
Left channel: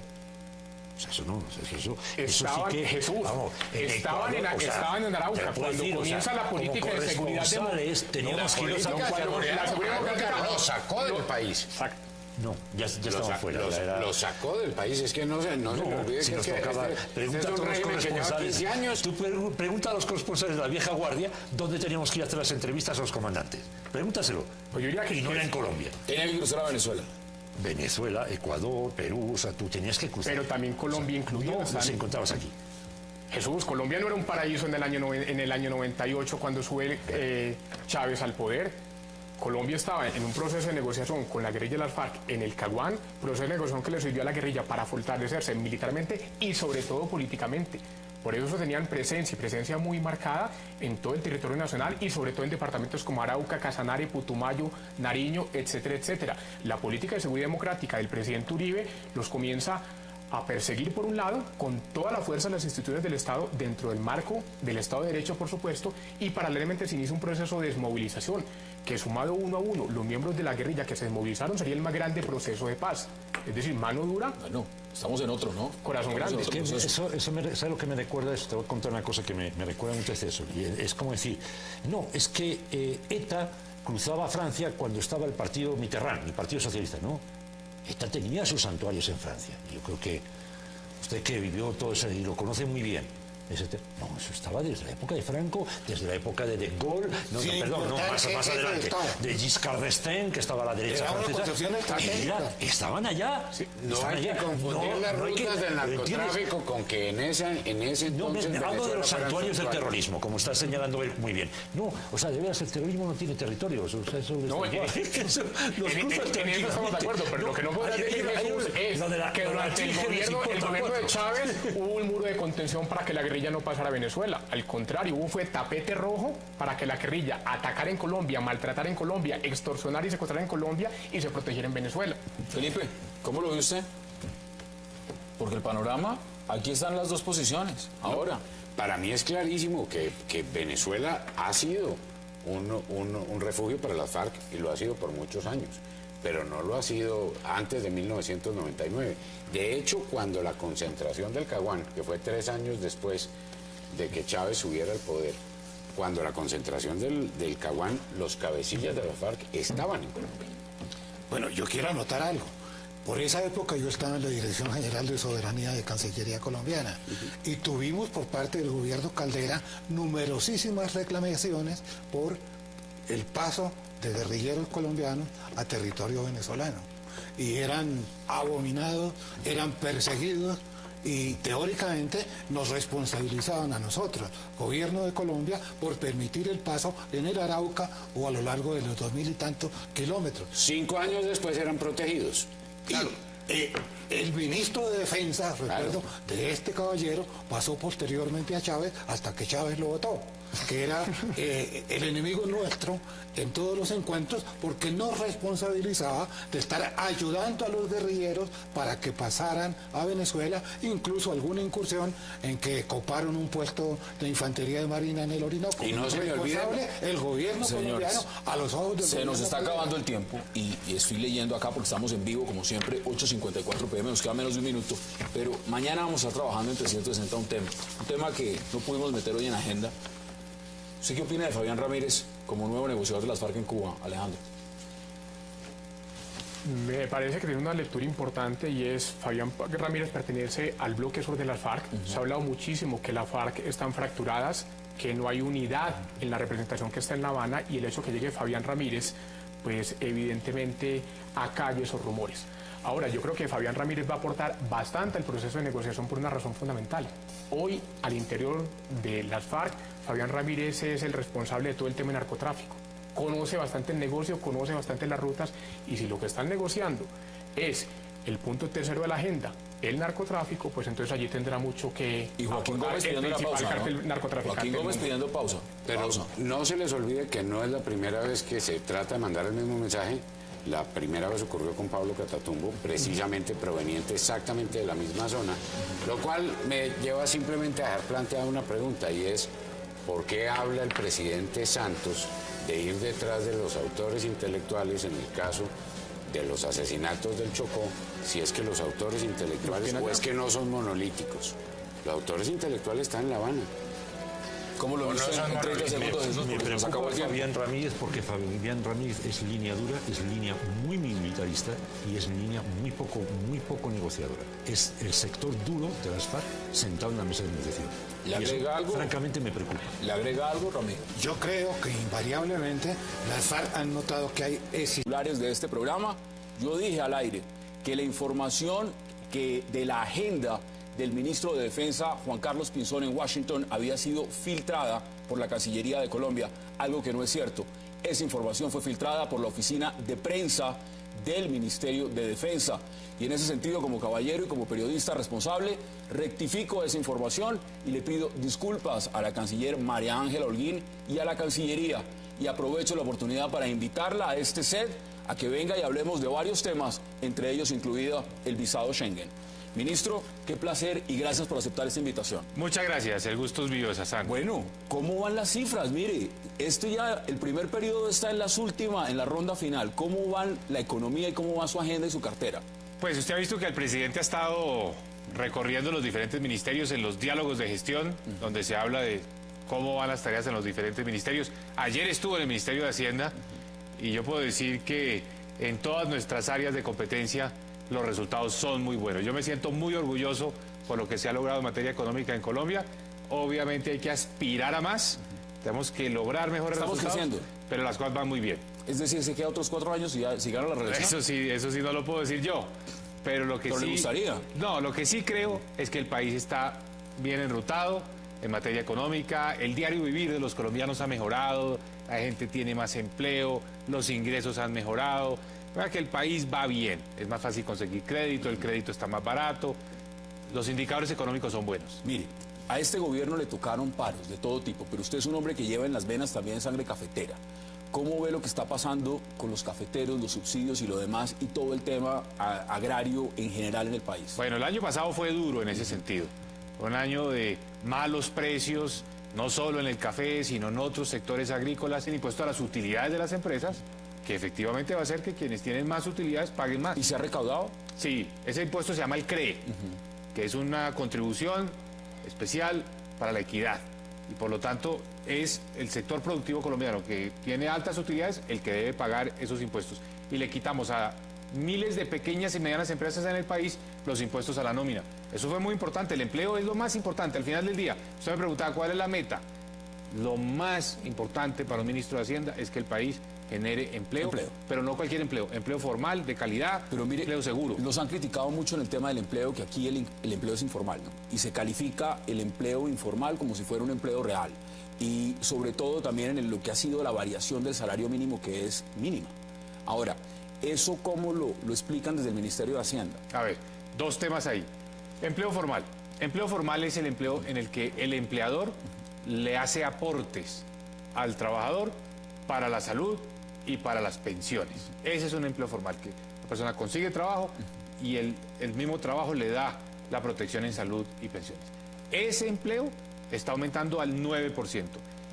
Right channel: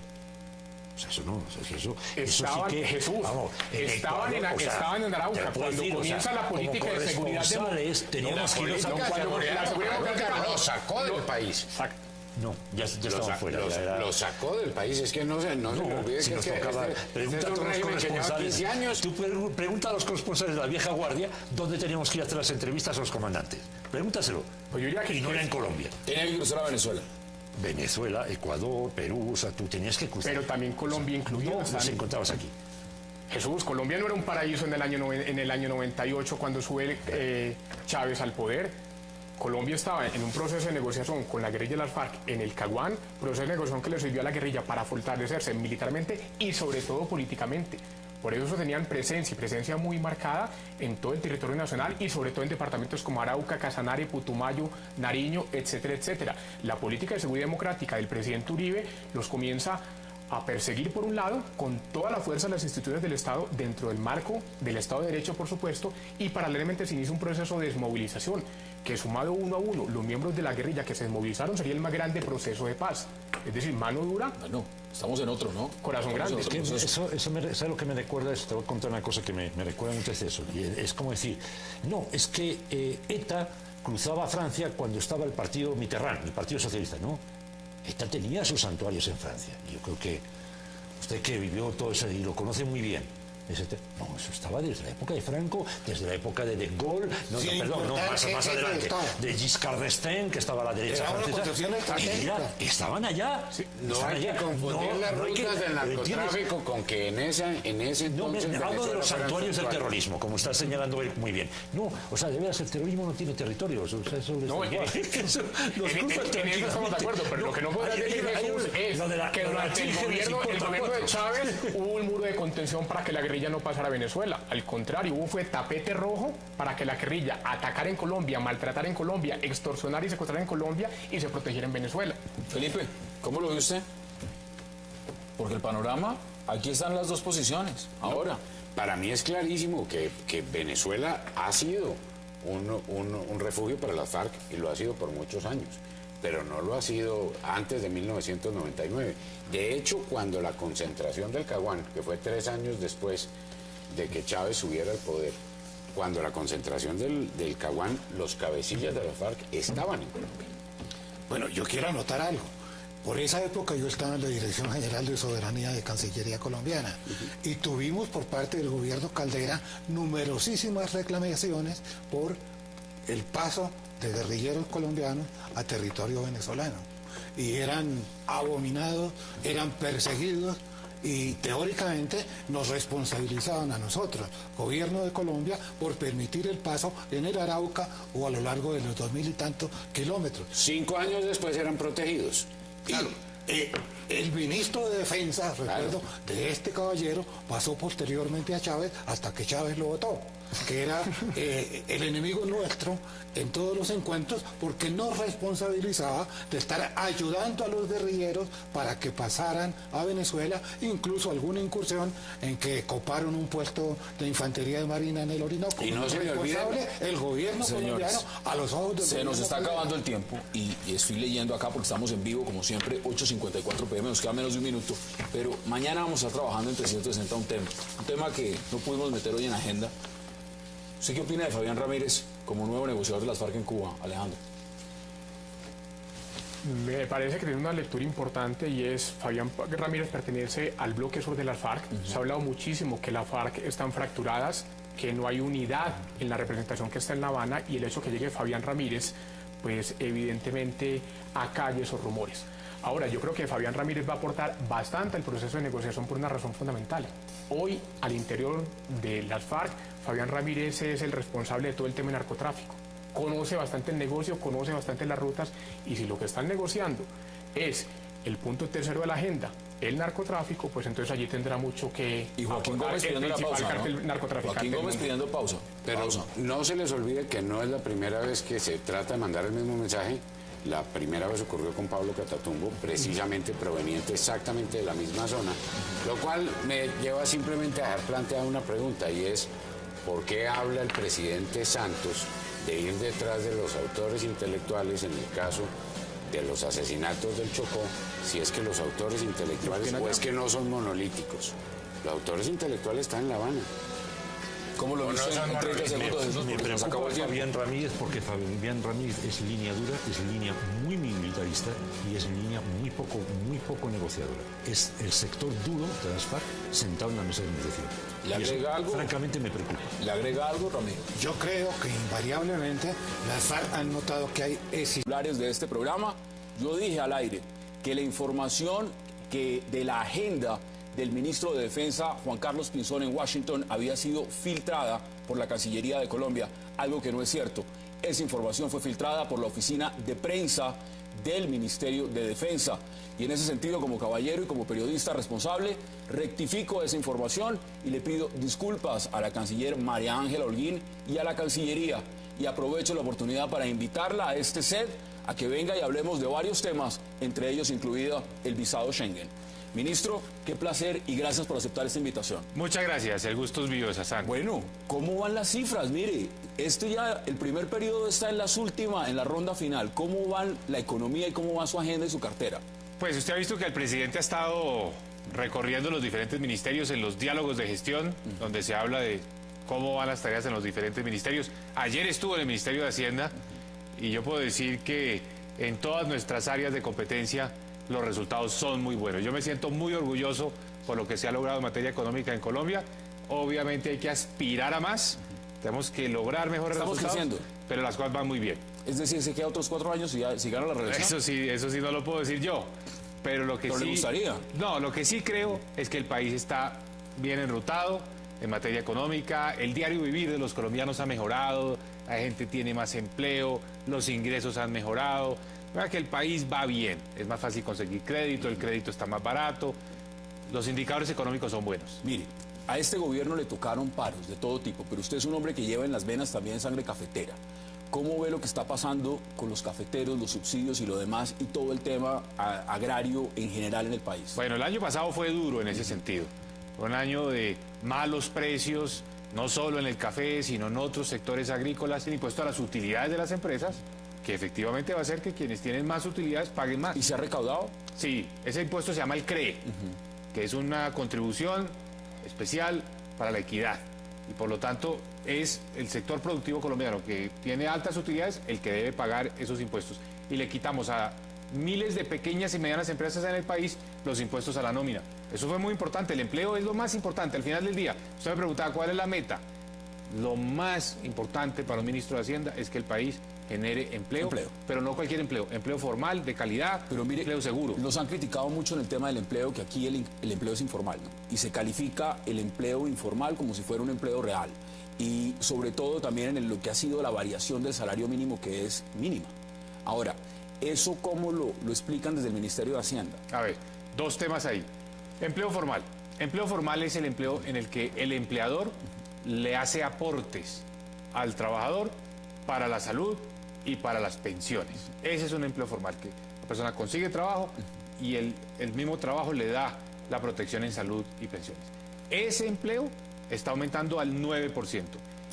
O sea, eso no, eso Estaban, sí que... Jesús, vamos, estaban en Arauca. te lo puedo Cuando decir, comienza la política de seguridad corresponsales teníamos que ir a la seguridad Lo sacó del país. Exacto. No, ya estaban fuera. Lo sacó del país. Es que no se olvide Si que nos este tocaba, pregunta a los corresponsales, 15 años. tú pregunta a los corresponsales de la vieja guardia dónde teníamos que ir a hacer las entrevistas a los comandantes. Pregúntaselo. Pues yo ya que Y no era en Colombia. ¿tiene que cruzar a Venezuela? Venezuela, Ecuador, Perú, o sea, tú tenías que cruzar. Pero también Colombia incluido. No, los encontrabas aquí. Jesús, Colombia no era un paraíso en el año 98 cuando sube Chávez al poder. Colombia estaba en un proceso de negociación con la guerrilla de las FARC en el Caguán, proceso de negociación que le sirvió a la guerrilla para fortalecerse militarmente y sobre todo políticamente. Por eso tenían presencia muy marcada en todo el territorio nacional y sobre todo en departamentos como Arauca, Casanare, Putumayo, Nariño, etcétera, etcétera. La política de seguridad democrática del presidente Uribe los comienza a perseguir por un lado con toda la fuerza de las instituciones del Estado dentro del marco del Estado de Derecho, por supuesto, y paralelamente se inicia un proceso de desmovilización que sumado uno a uno los miembros de la guerrilla que se desmovilizaron sería el más grande proceso de paz. Es decir, mano dura, Bueno, estamos en otro, ¿no? corazón Estamos en grande. otro proceso. Es algo que me recuerda eso. Te voy a contar una cosa que me recuerda mucho a eso. Y es como decir, no, es que ETA cruzaba a Francia cuando estaba el partido Mitterrand, el Partido Socialista, ¿no? ETA tenía sus santuarios en Francia. Yo creo que usted que vivió todo eso y lo conoce muy bien. No, eso estaba desde la época de Franco, desde la época de Gaulle, más adelante, de Giscard d'Estaing, que estaba a la derecha francesa. Y ya, estaban allá. No hay que confundir las rutas del narcotráfico con que en ese entonces... Hablo de los santuarios del terrorismo, como está señalando él muy bien. No, o sea, de veras, el terrorismo no tiene territorios. O sea, eso No, en eso estamos de acuerdo, pero lo que no puede decir es que durante el gobierno de Chávez hubo un muro de contención para que la guerrilla no pasara a Venezuela. Al contrario, fue tapete rojo para que la guerrilla atacara en Colombia, maltratara en Colombia, extorsionara y secuestrara en Colombia y se protegiera en Venezuela. Felipe, ¿cómo lo ve usted? Porque el panorama, aquí están las dos posiciones. Ahora, Para mí es clarísimo que Venezuela ha sido un refugio para las FARC y lo ha sido por muchos años, pero no lo ha sido antes de 1999. De hecho, cuando la concentración del Caguán, que fue 3 años después de que Chávez subiera al poder, cuando la concentración del Caguán, los cabecillas de la FARC estaban en Colombia. Bueno, yo quiero anotar algo. Por esa época yo estaba en la Dirección General de Soberanía de Cancillería Colombiana y tuvimos por parte del gobierno Caldera numerosísimas reclamaciones por el paso de guerrilleros colombianos a territorio venezolano. Y eran abominados, eran perseguidos y teóricamente nos responsabilizaban a nosotros, gobierno de Colombia, por permitir el paso en el Arauca o a lo largo de los 2000 y tantos kilómetros. 5 años después eran protegidos. Claro. el ministro de Defensa, recuerdo, de este caballero, pasó posteriormente a Chávez hasta que Chávez lo votó, que era el enemigo nuestro en todos los encuentros, porque nos responsabilizaba de estar ayudando a los guerrilleros para que pasaran a Venezuela, incluso alguna incursión en que coparon un puesto de infantería de marina en el Orinoco. Y no se me olvide, el gobierno colombiano a los ojos del Se nos está acabando el tiempo y estoy leyendo acá porque estamos en vivo, como siempre, 8:54 PM, nos queda menos de un minuto, pero mañana vamos a estar trabajando en 360 un tema que no pudimos meter hoy en agenda. ¿Usted qué opina de Fabián Ramírez como nuevo negociador de las FARC en Cuba, Alejandro? Me parece que tiene una lectura importante y es Fabián Ramírez pertenece al bloque sur de las FARC. Se ha hablado muchísimo que las FARC están fracturadas, que no hay unidad en la representación que está en La Habana, y el hecho que llegue Fabián Ramírez, pues evidentemente acalla esos rumores. Ahora, yo creo que Fabián Ramírez va a aportar bastante al proceso de negociación por una razón fundamental. Hoy, al interior de las FARC, Fabián Ramírez es el responsable de todo el tema de narcotráfico. Conoce bastante el negocio, conoce bastante las rutas, y si lo que están negociando es el punto tercero de la agenda, el narcotráfico, pues entonces allí tendrá mucho que Y Joaquín aportar Gómez el pidiendo la principal pausa, cartel ¿no? narcotraficante. Joaquín Gómez pidiendo pausa. Pero no se les olvide que no es la primera vez que se trata de mandar el mismo mensaje. La primera vez ocurrió con Pablo Catatumbo, precisamente proveniente exactamente de la misma zona, lo cual me lleva simplemente a dejar planteada una pregunta, y es: ¿por qué habla el presidente Santos de ir detrás de los autores intelectuales en el caso de los asesinatos del Chocó, si es que los autores intelectuales o es que no son monolíticos? Los autores intelectuales están en La Habana. ¿Cómo lo ves en 30 segundos? Eso Me se preocupa acabó el tiempo. Fabián Ramírez, porque Fabián Ramírez es línea dura, es línea muy militarista y es línea muy poco negociadora. Es el sector duro de las FARC sentado en la mesa de negociación. ¿Le Y eso, agrega algo? francamente, me preocupa. ¿Le agrega algo, Ramírez? Yo creo que invariablemente las FARC han notado que hay Titulares de este programa, yo dije al aire que la información que de la agenda del ministro de Defensa, Juan Carlos Pinzón, en Washington, había sido filtrada por la Cancillería de Colombia, algo que no es cierto. Esa información fue filtrada por la oficina de prensa del Ministerio de Defensa. Y en ese sentido, como caballero y como periodista responsable, rectifico esa información y le pido disculpas a la canciller María Ángela Holguín y a la Cancillería. Y aprovecho la oportunidad para invitarla a este set a que venga y hablemos de varios temas, entre ellos incluido el visado Schengen. Ministro, qué placer y gracias por aceptar esta invitación. Muchas gracias, el gusto es mío, Sassán. Bueno, ¿cómo van las cifras? Mire, el primer periodo está en en la ronda final. ¿Cómo va la economía y cómo va su agenda y su cartera? Pues usted ha visto que el presidente ha estado recorriendo los diferentes ministerios en los diálogos de gestión, donde se habla de cómo van las tareas en los diferentes ministerios. Ayer estuvo en el Ministerio de Hacienda y yo puedo decir que en todas nuestras áreas de competencia los resultados son muy buenos. Yo me siento muy orgulloso por lo que se ha logrado en materia económica en Colombia. Obviamente hay que aspirar a más, tenemos que lograr mejores Estamos resultados, creciendo. pero las cosas van muy bien. Es decir, se queda otros 4 años y ya si gana la reelección. Eso sí no lo puedo decir yo, pero lo que ¿Pero le sí... gustaría? No, lo que sí creo es que el país está bien enrutado en materia económica, el diario vivir de los colombianos ha mejorado, la gente tiene más empleo, los ingresos han mejorado, para que el país va bien, es más fácil conseguir crédito, el crédito está más barato, los indicadores económicos son buenos. Mire, a este gobierno le tocaron paros de todo tipo, pero usted es un hombre que lleva en las venas también sangre cafetera. ¿Cómo ve lo que está pasando con los cafeteros, los subsidios y lo demás y todo el tema agrario en general en el país? Bueno, el año pasado fue duro en ese sentido, fue un año de malos precios, no solo en el café, sino en otros sectores agrícolas, el impuesto a las utilidades de las empresas, que efectivamente va a hacer que quienes tienen más utilidades paguen más. ¿Y se ha recaudado? Sí, ese impuesto se llama el CRE, que es una contribución especial para la equidad. Y por lo tanto es el sector productivo colombiano que tiene altas utilidades el que debe pagar esos impuestos. Y le quitamos a miles de pequeñas y medianas empresas en el país los impuestos a la nómina. Eso fue muy importante, el empleo es lo más importante. Al final del día, usted me preguntaba cuál es la meta. Lo más importante para un ministro de Hacienda es que el país genere empleo, pero no cualquier empleo, empleo formal, de calidad, pero mire, empleo seguro. Nos han criticado mucho en el tema del empleo, que aquí el empleo es informal, ¿no? Y se califica el empleo informal como si fuera un empleo real. Y sobre todo también en lo que ha sido la variación del salario mínimo, que es mínima. Ahora, ¿eso cómo lo explican desde el Ministerio de Hacienda? A ver, Dos temas ahí. Empleo formal. Empleo formal es el empleo en el que el empleador le hace aportes al trabajador para la salud y para las pensiones. Ese es un empleo formal, que la persona consigue trabajo y el mismo trabajo le da la protección en salud y pensiones. Ese empleo está aumentando al 9%.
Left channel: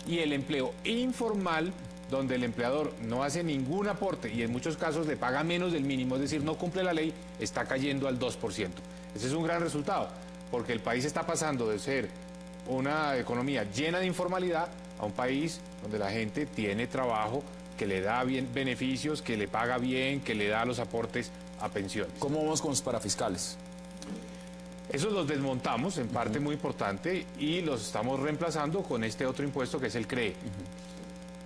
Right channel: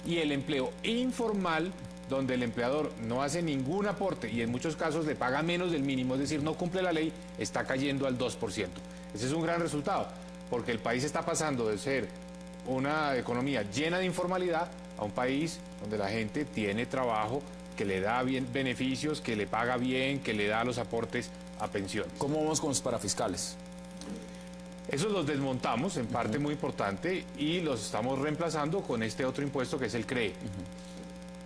Y el empleo informal, donde el empleador no hace ningún aporte y en muchos casos le paga menos del mínimo, es decir, no cumple la ley, está cayendo al 2%. Ese es un gran resultado, porque el país está pasando de ser una economía llena de informalidad a un país donde la gente tiene trabajo, que le da bien beneficios, que le paga bien, que le da los aportes a pensiones. ¿Cómo vamos con los parafiscales? Esos los desmontamos en parte muy importante y los estamos reemplazando con este otro impuesto que es el CRE.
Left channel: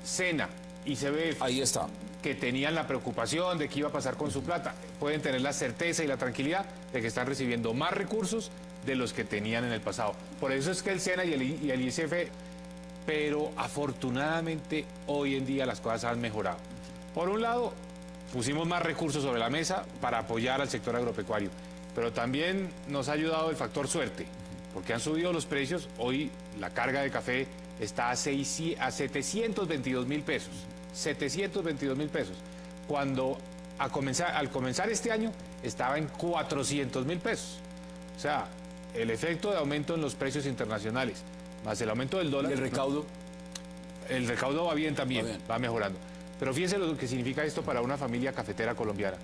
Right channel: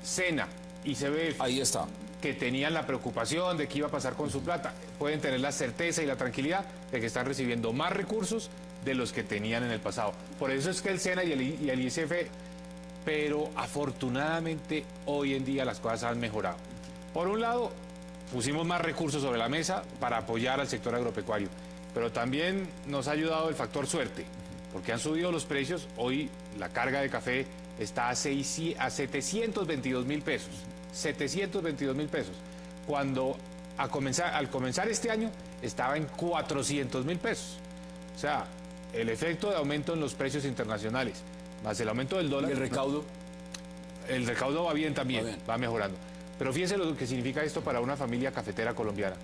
SENA y CBF, Ahí está. que tenían la preocupación de qué iba a pasar con su plata, pueden tener la certeza y la tranquilidad de que están recibiendo más recursos de los que tenían en el pasado. Por eso es que el SENA y el ICF, pero afortunadamente hoy en día las cosas han mejorado. Por un lado, pusimos más recursos sobre la mesa para apoyar al sector agropecuario, pero también nos ha ayudado el factor suerte, porque han subido los precios. Hoy la carga de café está a 722.000 pesos. 722.000 pesos. Cuando al comenzar este año estaba en 400.000 pesos. O sea, el efecto de aumento en los precios internacionales, más el aumento del dólar. ¿El recaudo? El recaudo va bien también, va mejorando. Pero fíjense lo que significa esto para una familia cafetera colombiana.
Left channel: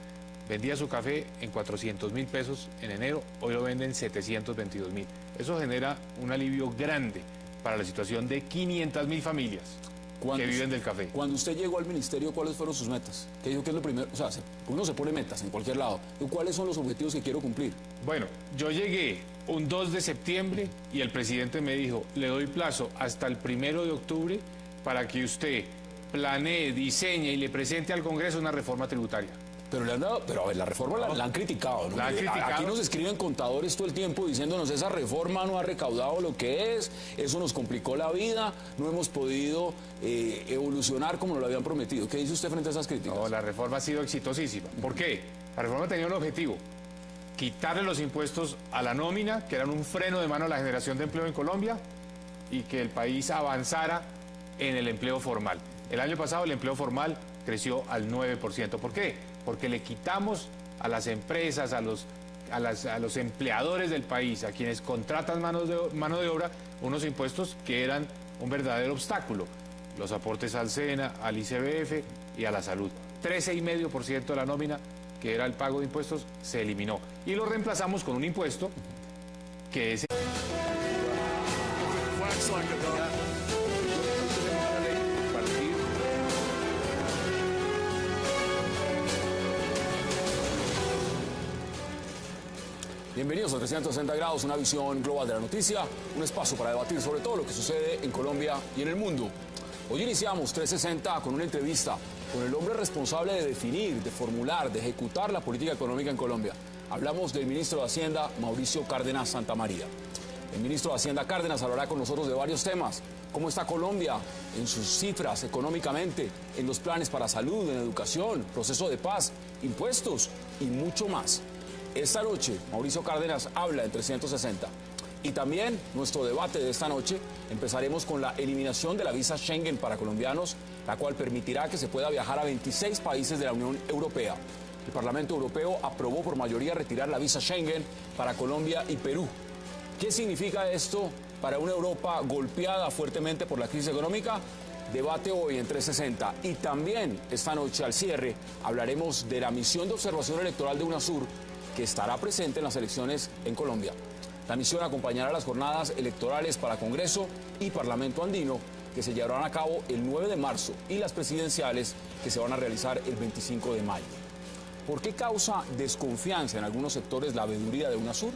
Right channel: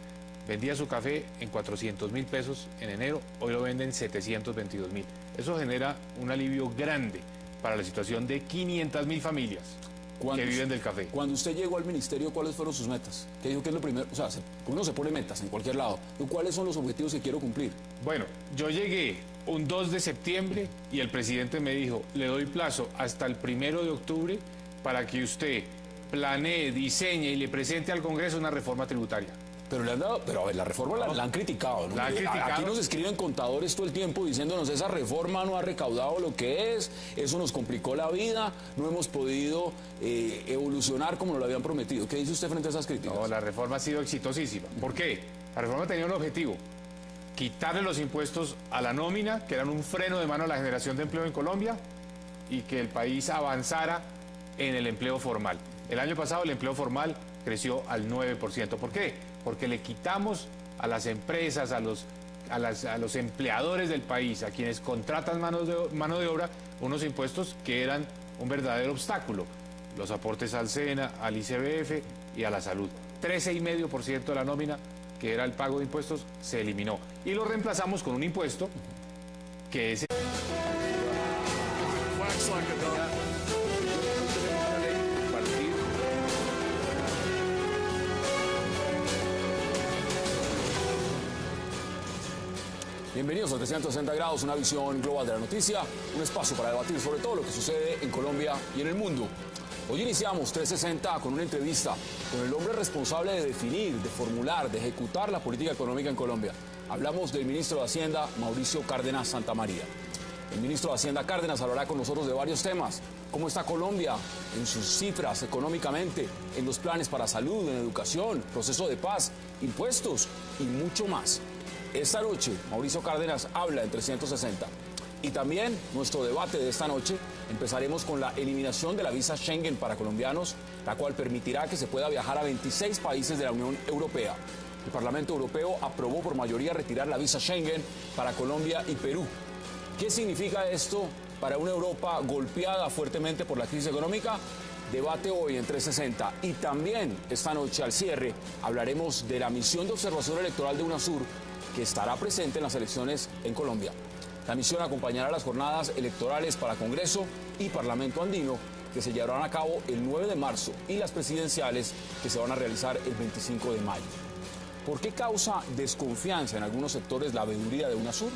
Vendía su café en 400.000 pesos en enero, hoy lo venden en 722.000. Eso genera un alivio grande para la situación de 500.000 familias que viven del café. Cuando usted llegó al ministerio, ¿cuáles fueron sus metas? ¿Qué dijo que es lo primero? O sea, uno se pone metas en cualquier lado. ¿Cuáles son los objetivos que quiero cumplir? Bueno, yo llegué un 2 de septiembre y el presidente me dijo, le doy plazo hasta el 1 de octubre para que usted planee, diseñe y le presente al Congreso una reforma tributaria. Pero, pero a ver, la reforma la han criticado, ¿no? La han criticado. Aquí nos escriben contadores todo el tiempo diciéndonos esa reforma no ha recaudado lo que es, eso nos complicó la vida, no hemos podido evolucionar como lo habían prometido. ¿Qué dice usted frente a esas críticas? No, la reforma ha sido exitosísima. ¿Por qué? La reforma tenía un objetivo: quitarle los impuestos a la nómina, que eran un freno de mano a la generación de empleo en Colombia, y que el país avanzara en el empleo formal. El año pasado el empleo formal creció al 9%. ¿Por qué? Porque le quitamos a las empresas, a los empleadores del país, a quienes contratan mano de obra, unos impuestos que eran un verdadero obstáculo. Los aportes al SENA, al ICBF y a la salud. 13,5% de la nómina, que era el pago de impuestos, se eliminó. Y lo reemplazamos con un impuesto que es... Bienvenidos a 360 grados, una visión global de la noticia, un espacio para debatir sobre todo lo que sucede en Colombia y en el mundo. Hoy iniciamos 360 con una entrevista con el hombre responsable de definir, de formular, de ejecutar la política económica en Colombia. Hablamos del ministro de Hacienda, Mauricio Cárdenas Santamaría. El ministro de Hacienda Cárdenas hablará con nosotros de varios temas. ¿Cómo está Colombia en sus cifras económicamente, en los planes para salud, en educación, proceso de paz, impuestos y mucho más? Esta noche, Mauricio Cárdenas habla en 360. Y también nuestro debate de esta noche, empezaremos con la eliminación de la visa Schengen para colombianos, la cual permitirá que se pueda viajar a 26 países de la Unión Europea. El Parlamento Europeo aprobó por mayoría retirar la visa Schengen para Colombia y Perú. ¿Qué significa esto para una Europa golpeada fuertemente por la crisis económica? Debate hoy en 360. Y también esta noche al cierre hablaremos de la misión de observación electoral de UNASUR, que estará presente en las elecciones en Colombia. La misión acompañará las jornadas electorales para Congreso y Parlamento Andino, que se llevarán a cabo el 9 de marzo, y las presidenciales, que se van a realizar el 25 de mayo. ¿Por qué causa desconfianza en algunos sectores la veeduría de UNASUR?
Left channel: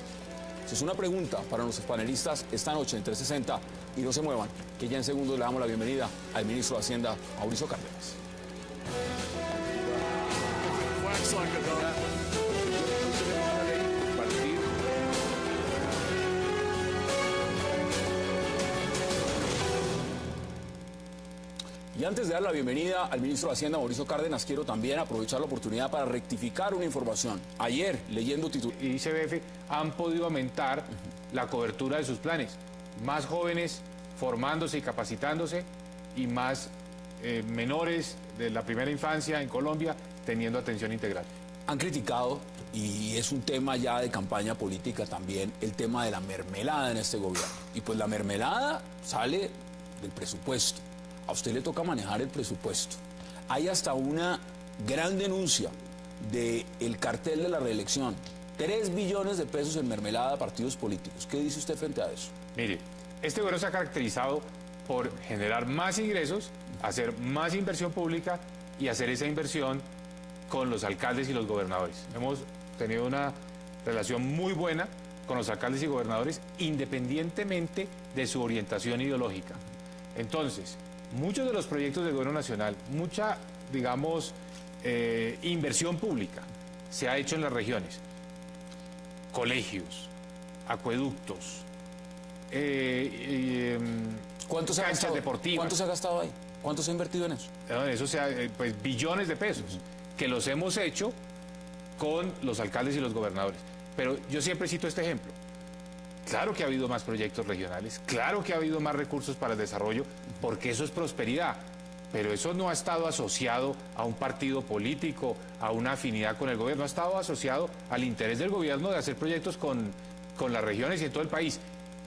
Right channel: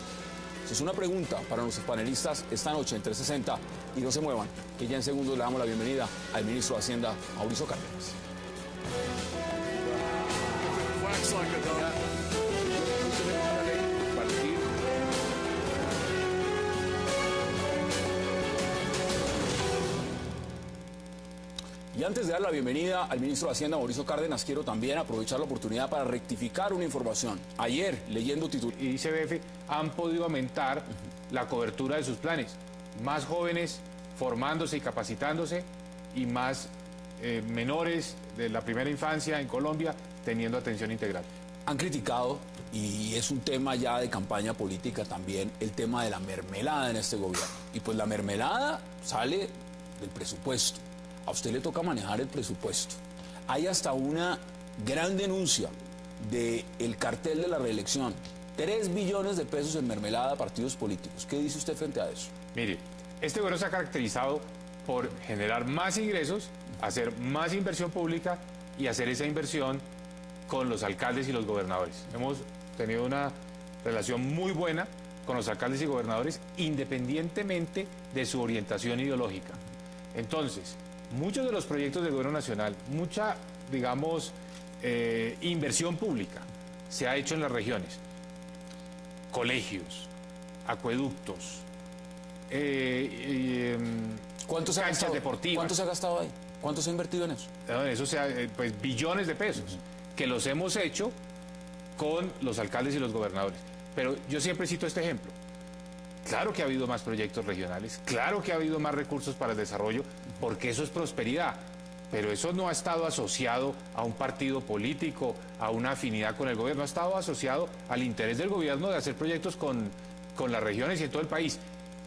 Esa es una pregunta para nuestros panelistas esta noche en 360. Y no se muevan, que ya en segundos le damos la bienvenida al ministro de Hacienda, Mauricio Cárdenas. Y antes de dar la bienvenida al ministro de Hacienda, Mauricio Cárdenas, quiero también aprovechar la oportunidad para rectificar una información. Ayer, leyendo titulares, Y ICBF han podido aumentar la cobertura de sus planes. Más jóvenes formándose y capacitándose y más menores de la primera infancia en Colombia teniendo atención integral. han criticado, y es un tema ya de campaña política también, el tema de la mermelada en este gobierno. Y pues la mermelada sale del presupuesto. A usted le toca manejar el presupuesto. Hay hasta una gran denuncia del cartel de la reelección. 3 billones de pesos en mermelada a partidos políticos. ¿Qué dice usted frente a eso? Mire, este gobierno se ha caracterizado por generar más ingresos, hacer más inversión pública y hacer esa inversión con los alcaldes y los gobernadores. Hemos tenido una relación muy buena con los alcaldes y gobernadores independientemente de su orientación ideológica. Entonces, muchos de los proyectos del gobierno nacional, mucha, digamos, inversión pública se ha hecho en las regiones. Colegios, acueductos, ¿Cuánto se ha canchas gastado? deportivas. ¿Cuánto se ha gastado ahí? ¿Cuánto se ha invertido en eso? Eso sea, pues billones de pesos que los hemos hecho con los alcaldes y los gobernadores. Pero yo siempre cito este ejemplo. Claro que ha habido más proyectos regionales, claro que ha habido más recursos para el desarrollo, porque eso es prosperidad. Pero eso no ha estado asociado a un partido político, a una afinidad con el gobierno, ha estado asociado al interés del gobierno de hacer proyectos con las regiones y en todo el país.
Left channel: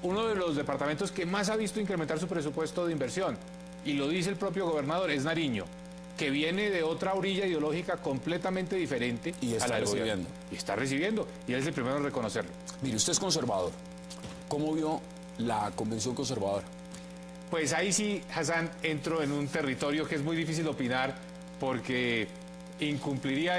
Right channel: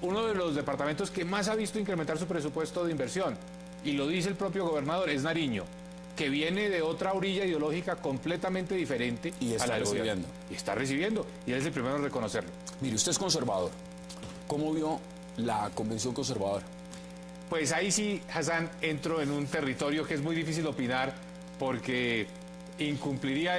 Uno de los departamentos que más ha visto incrementar su presupuesto de inversión, y lo dice el propio gobernador, es Nariño, que viene de otra orilla ideológica completamente diferente Y está a la del recibiendo. gobierno. Y está recibiendo, y él es el primero en reconocerlo. Mire, usted es conservador. ¿Cómo vio la convención conservadora? Pues ahí sí, Hassan, entro en un territorio que es muy difícil opinar porque incumpliría